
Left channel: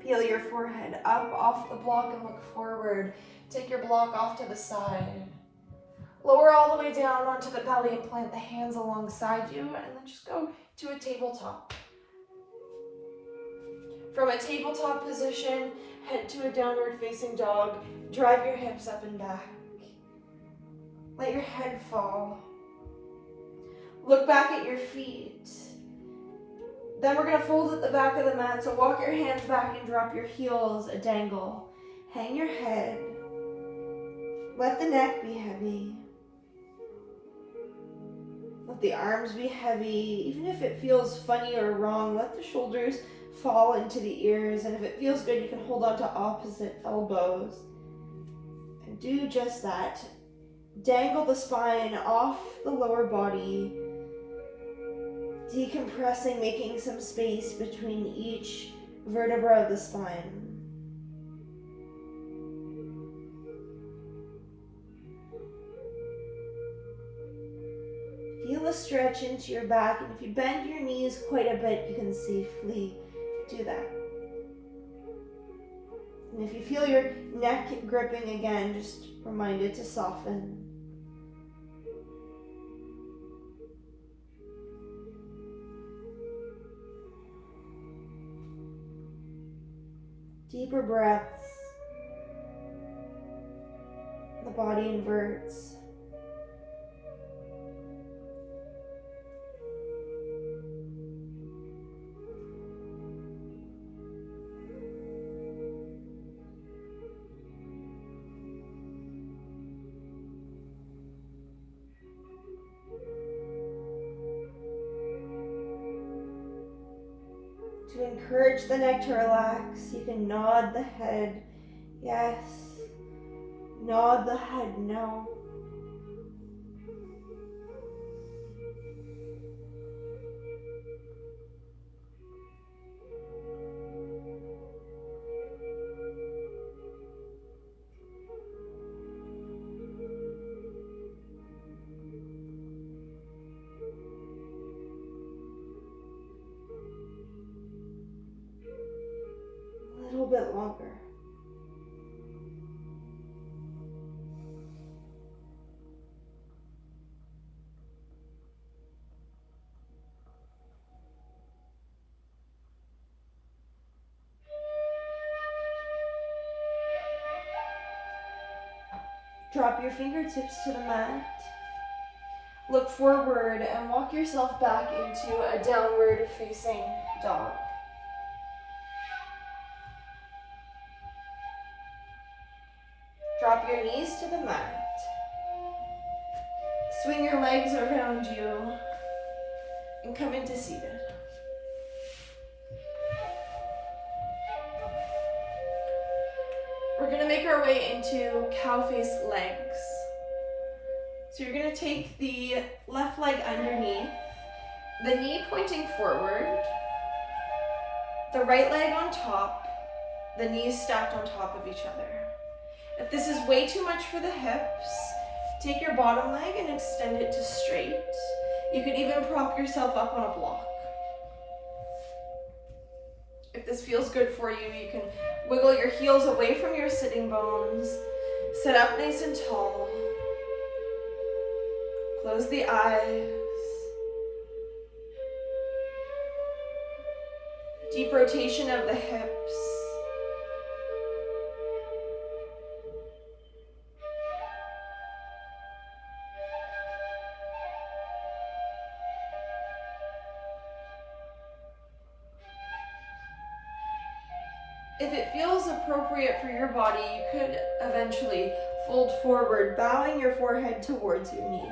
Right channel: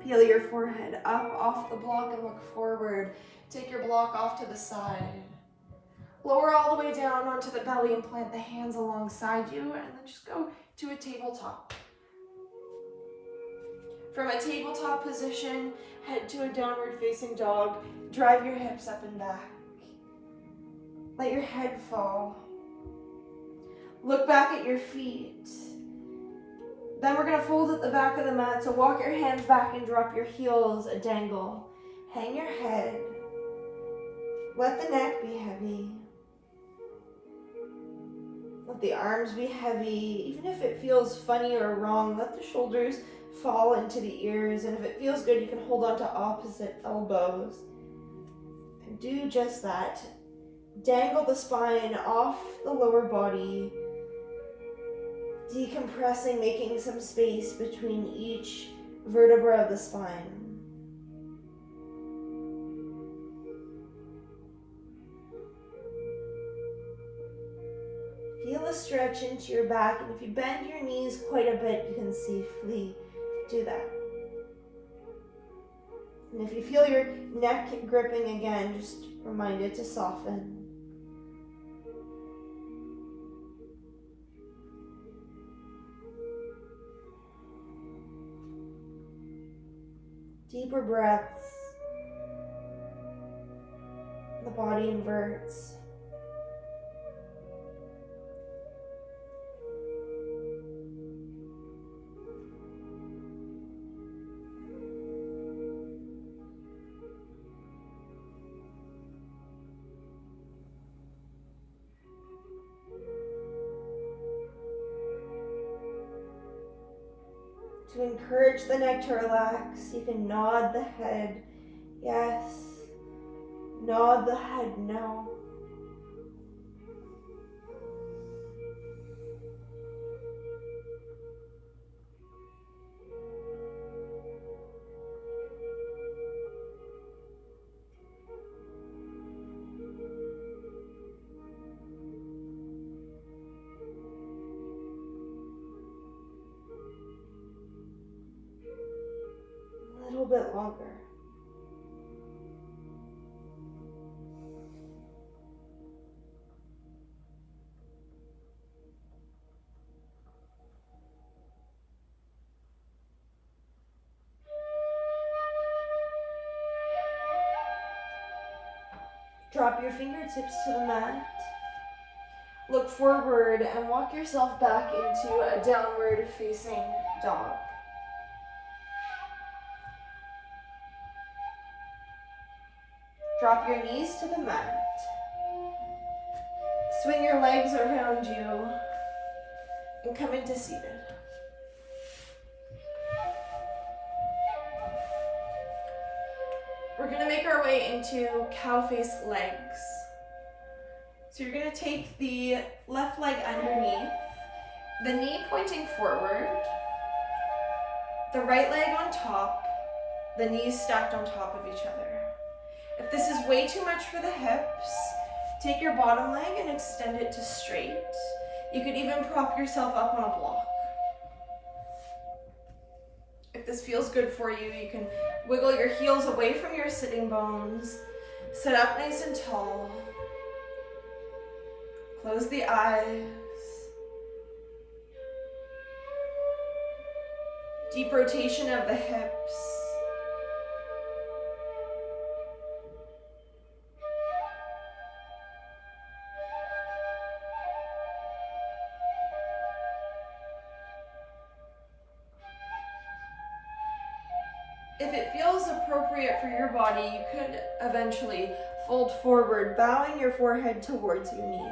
Peel your forehead up off the block and look forward. Take your block off to the side. Lower all the way down onto the belly and plant the hands alongside you, and then just go to a tabletop. From a tabletop position, head to a downward facing dog. Drive your hips up and back. Let your head fall. Look back at your feet. Then we're gonna fold at the back of the mat. So walk your hands back and drop your heels a dangle. Hang your head. Let the neck be heavy. Let the arms be heavy. Even if it feels funny or wrong, let the shoulders fall into the ears. And if it feels good, you can hold on to opposite elbows. And do just that. Dangle the spine off the lower body. Decompressing, making some space between each vertebra of the spine. Feel a stretch into your back, and if you bend your knees quite a bit, you can safely do that. And if you feel your neck gripping again, just remind it to soften. Deeper breaths. The body inverts. To encourage the neck to relax, you can nod the head, yes. Nod the head, no. A little bit longer. Drop your fingertips to the mat. Look forward and walk yourself back into a downward facing dog. Drop your knees to the mat. Swing your legs around you and come into seated. We're gonna make our way into cow face legs. So you're gonna take the left leg underneath, the knee pointing forward, the right leg on top, the knees stacked on top of each other. If this is way too much for the hips, take your bottom leg and extend it to straight. You could even prop yourself up on a block. If this feels good for you, you can wiggle your heels away from your sitting bones, sit up nice and tall, close the eyes, deep rotation of the hips. If it feels appropriate for your body, you could eventually fold forward, bowing your forehead towards your knees.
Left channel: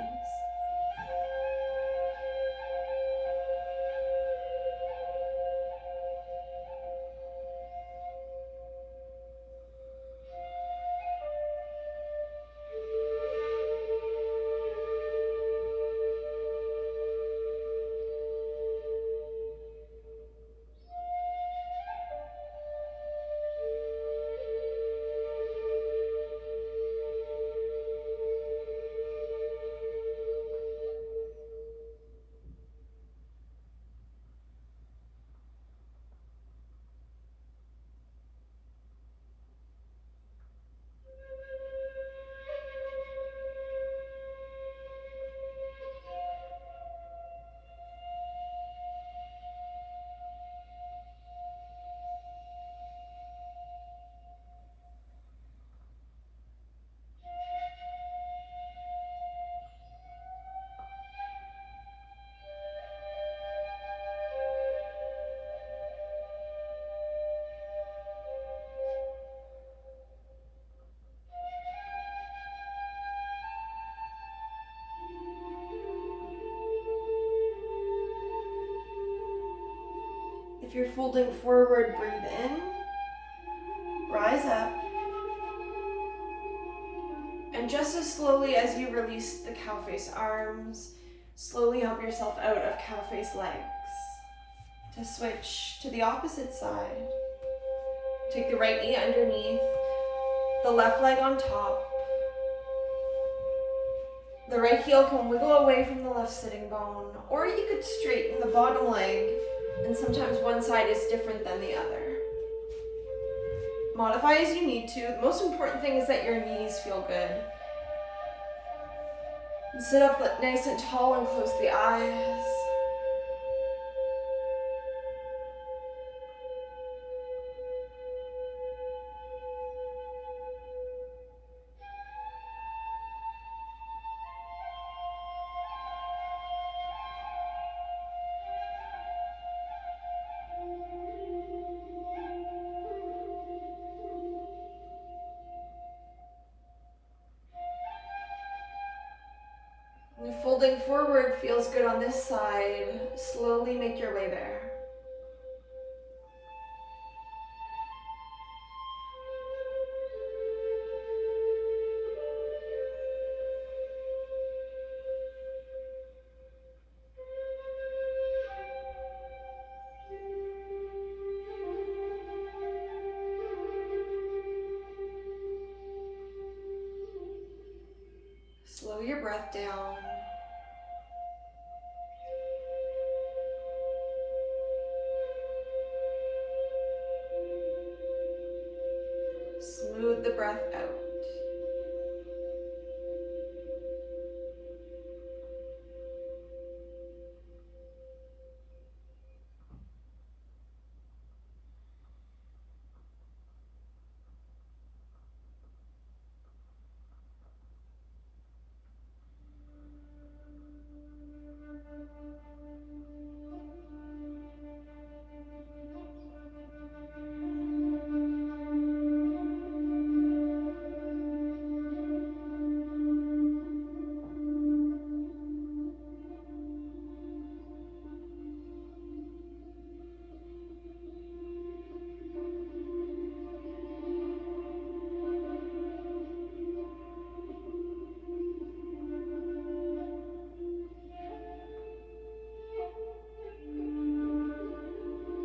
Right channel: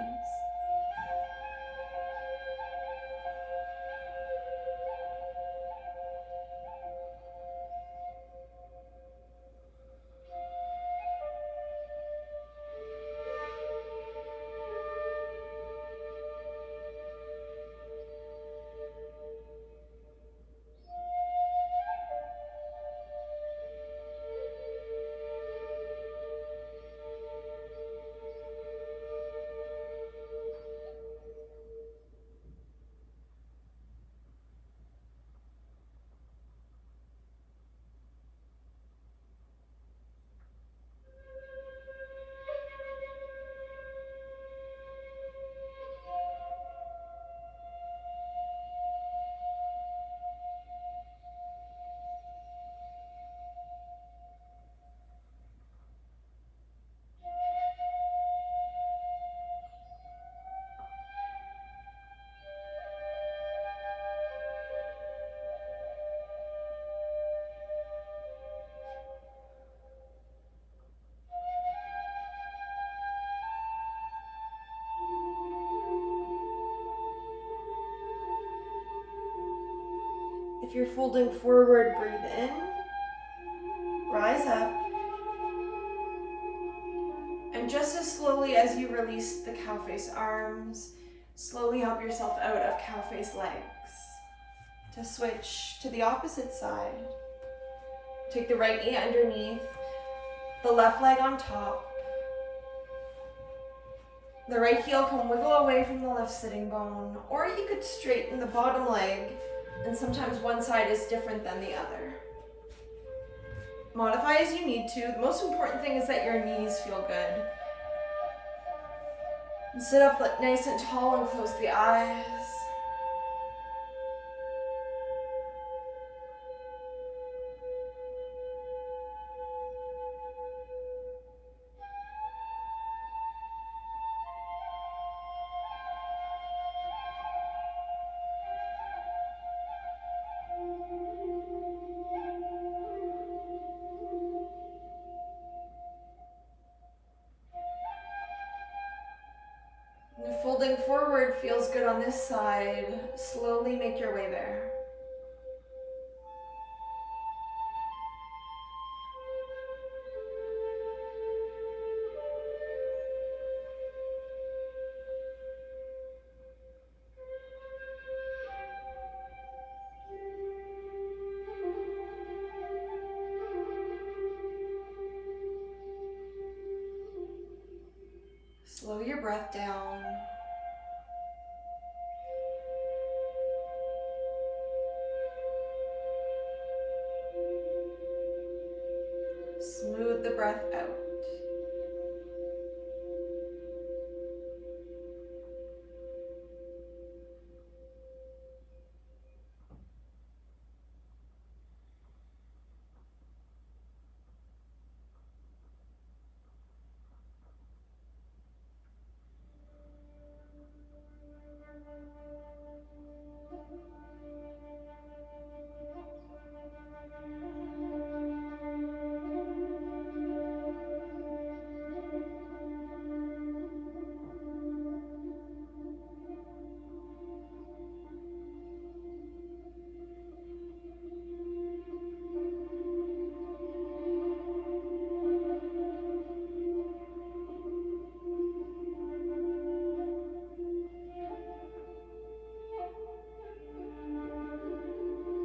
If you're folding forward, breathe in, rise up, and just as slowly as you release the cow face arms, slowly help yourself out of cow face legs. To switch to the opposite side. Take the right knee underneath, the left leg on top. The right heel can wiggle away from the left sitting bone, or you could straighten the bottom leg, and sometimes one side is different than the other. Modify as you need to. The most important thing is that your knees feel good. And sit up nice and tall and close the eyes. And if folding forward feels good on this side, slowly make your way there. Slow your breath down. Smooth the breath out.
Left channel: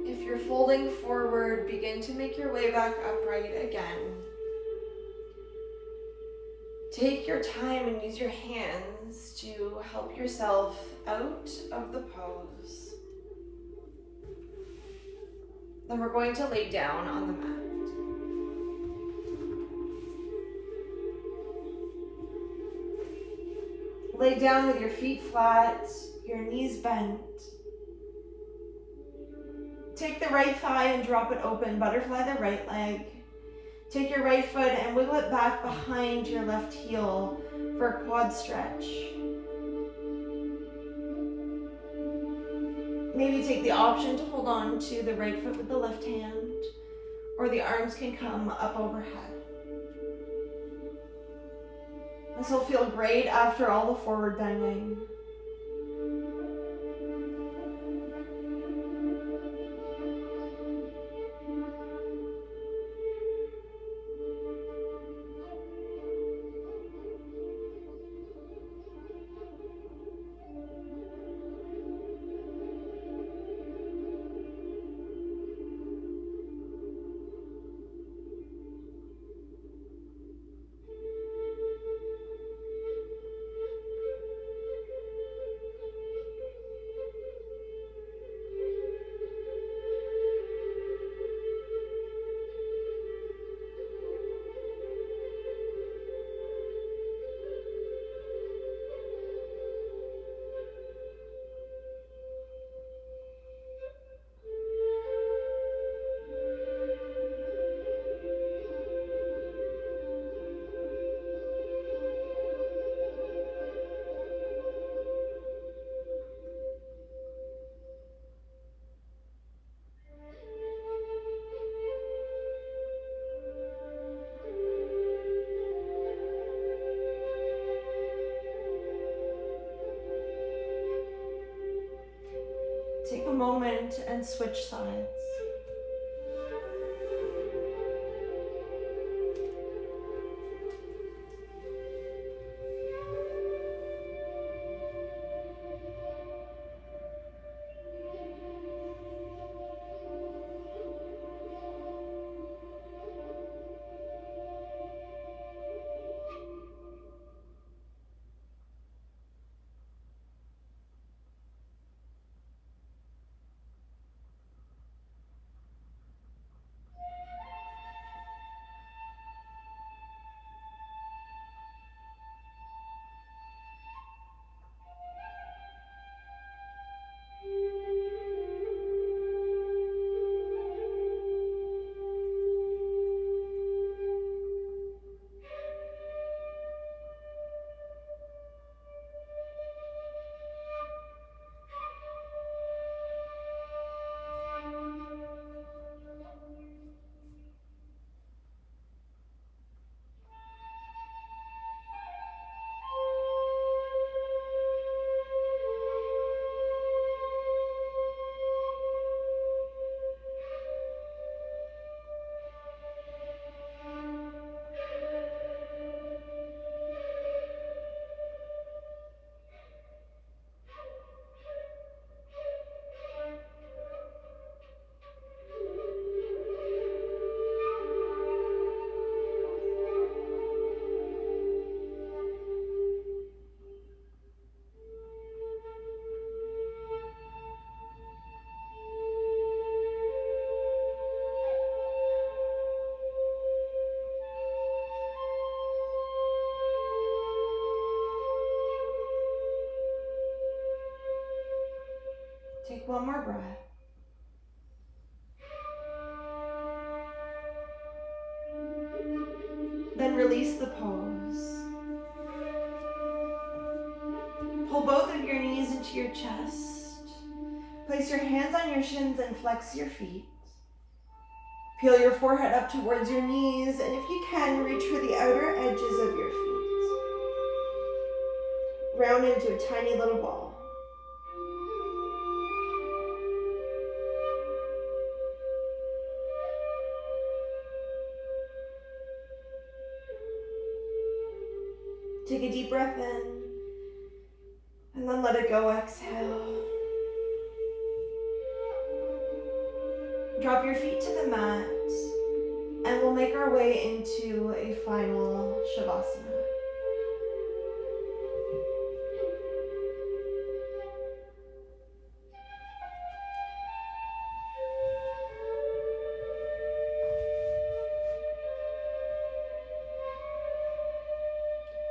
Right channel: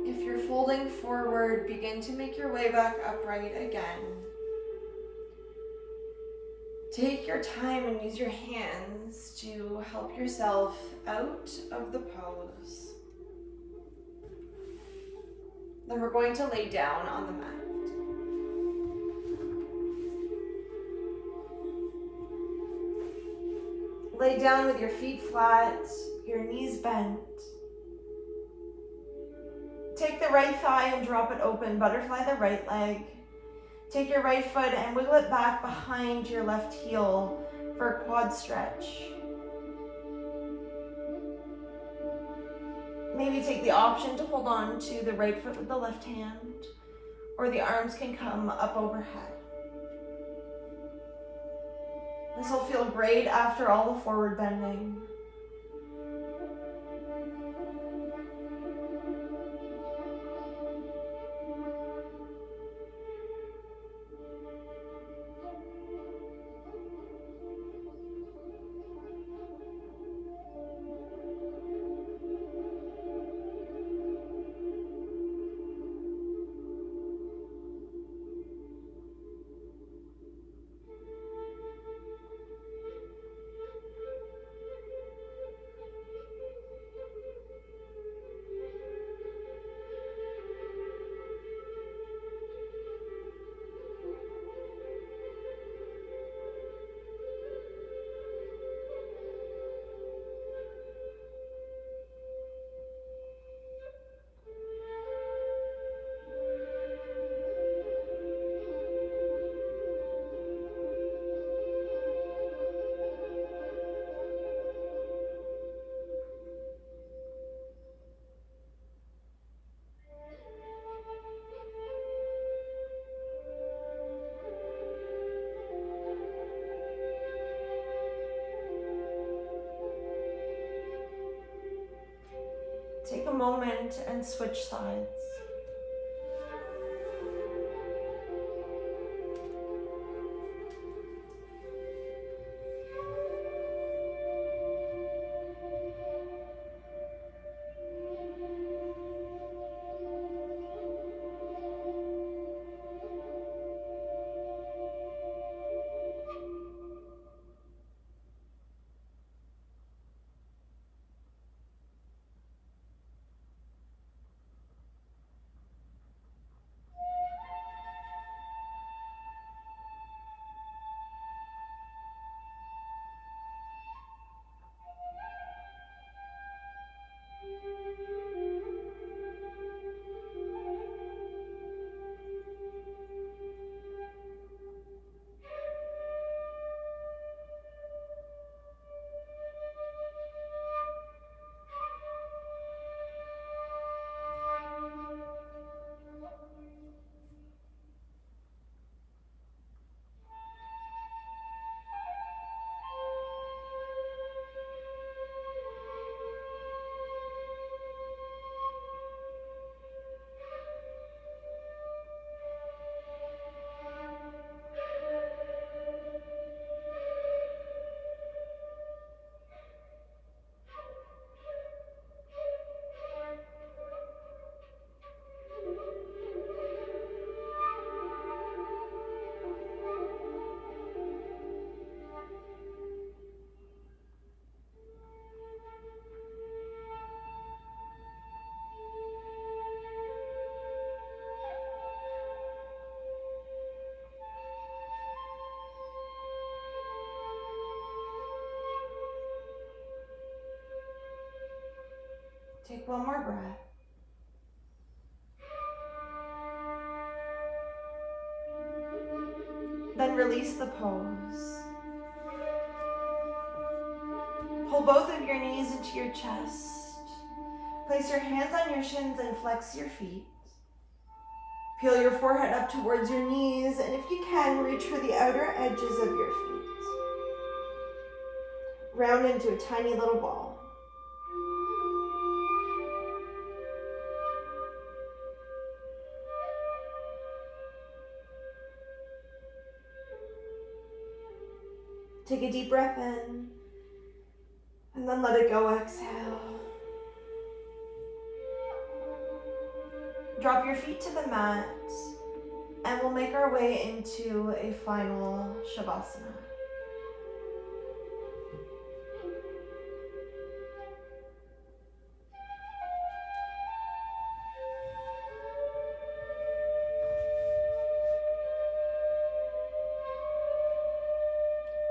If you're folding forward, begin to make your way back upright again. Take your time and use your hands to help yourself out of the pose. Then we're going to lay down on the mat. Lay down with your feet flat, your knees bent. Take the right thigh and drop it open. Butterfly the right leg. Take your right foot and wiggle it back behind your left heel for a quad stretch. Maybe take the option to hold on to the right foot with the left hand, or the arms can come up overhead. This will feel great after all the forward bending. moment and switch sides. Take one more breath. Then release the pose. Pull both of your knees into your chest. Place your hands on your shins and flex your feet. Peel your forehead up towards your knees, and if you can, reach for the outer edges of your feet. Round into a tiny little ball. Take a deep breath in, and then let it go, exhale. Drop your feet to the mat, and we'll make our way into a final Shavasana.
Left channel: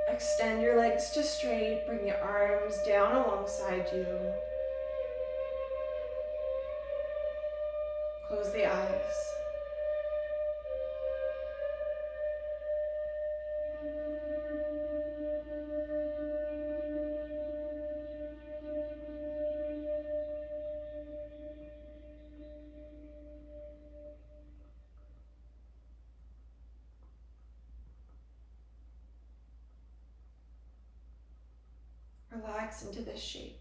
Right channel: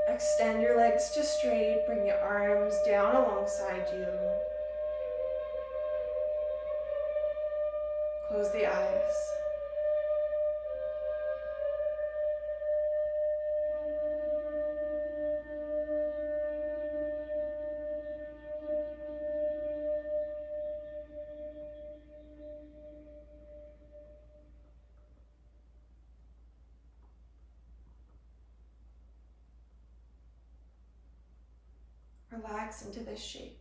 Extend your legs to straight, bring your arms down alongside you. Close the eyes. Relax into this shape.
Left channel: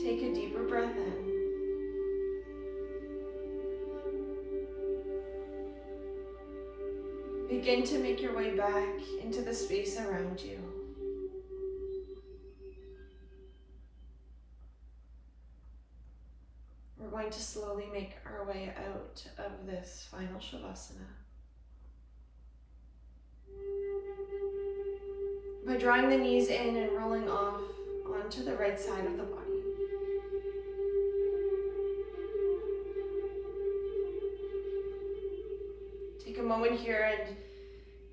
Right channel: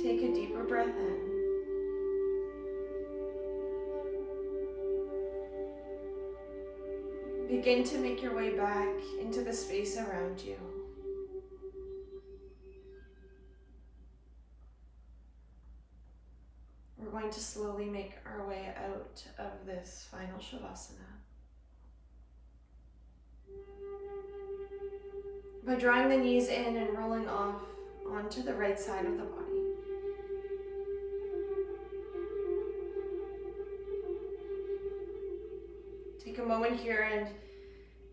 Take a deeper breath in. Begin to make your way back into the space around you. We're going to slowly make our way out of this final Shavasana by drawing the knees in and rolling off onto the right side of the body. Take a moment here and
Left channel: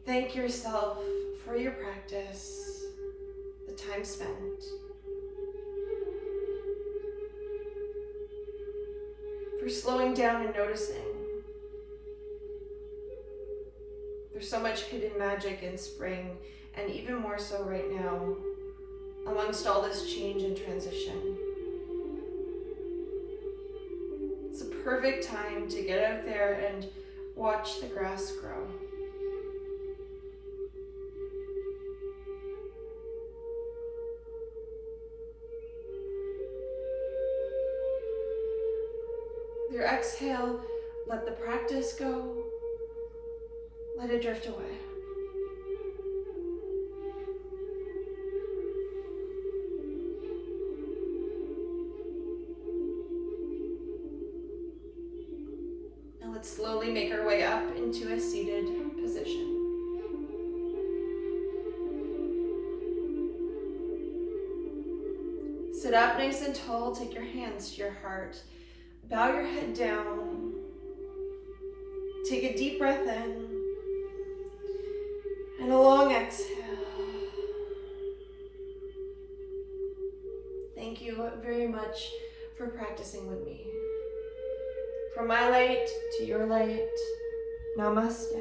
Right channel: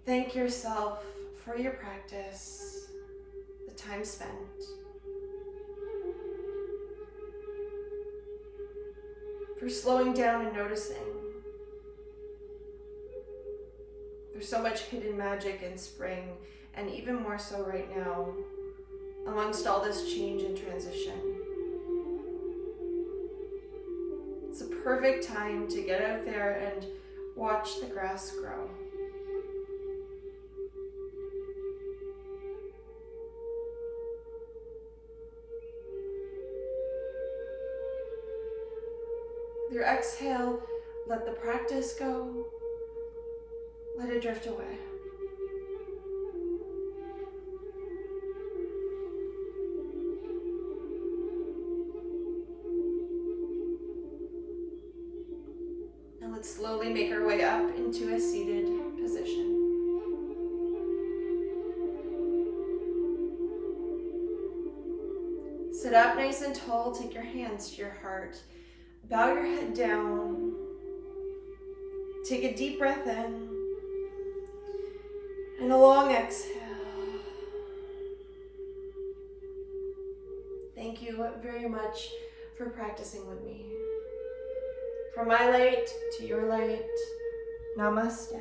thank yourself for your practice, the time spent. For slowing down and noticing. There's so much hidden magic in spring, and even more so right now, amongst all this change and transition. It's a perfect time to get out there and watch the grass grow. With your exhale, let the practice go. Let it drift away. Now let's slowly make our way up into a seated position. Sit up nice and tall, take your hands to your heart. Bow your head down. Take a deep breath in. And a long exhale. Thank you very much for practicing with me. From my light to your light, namaste.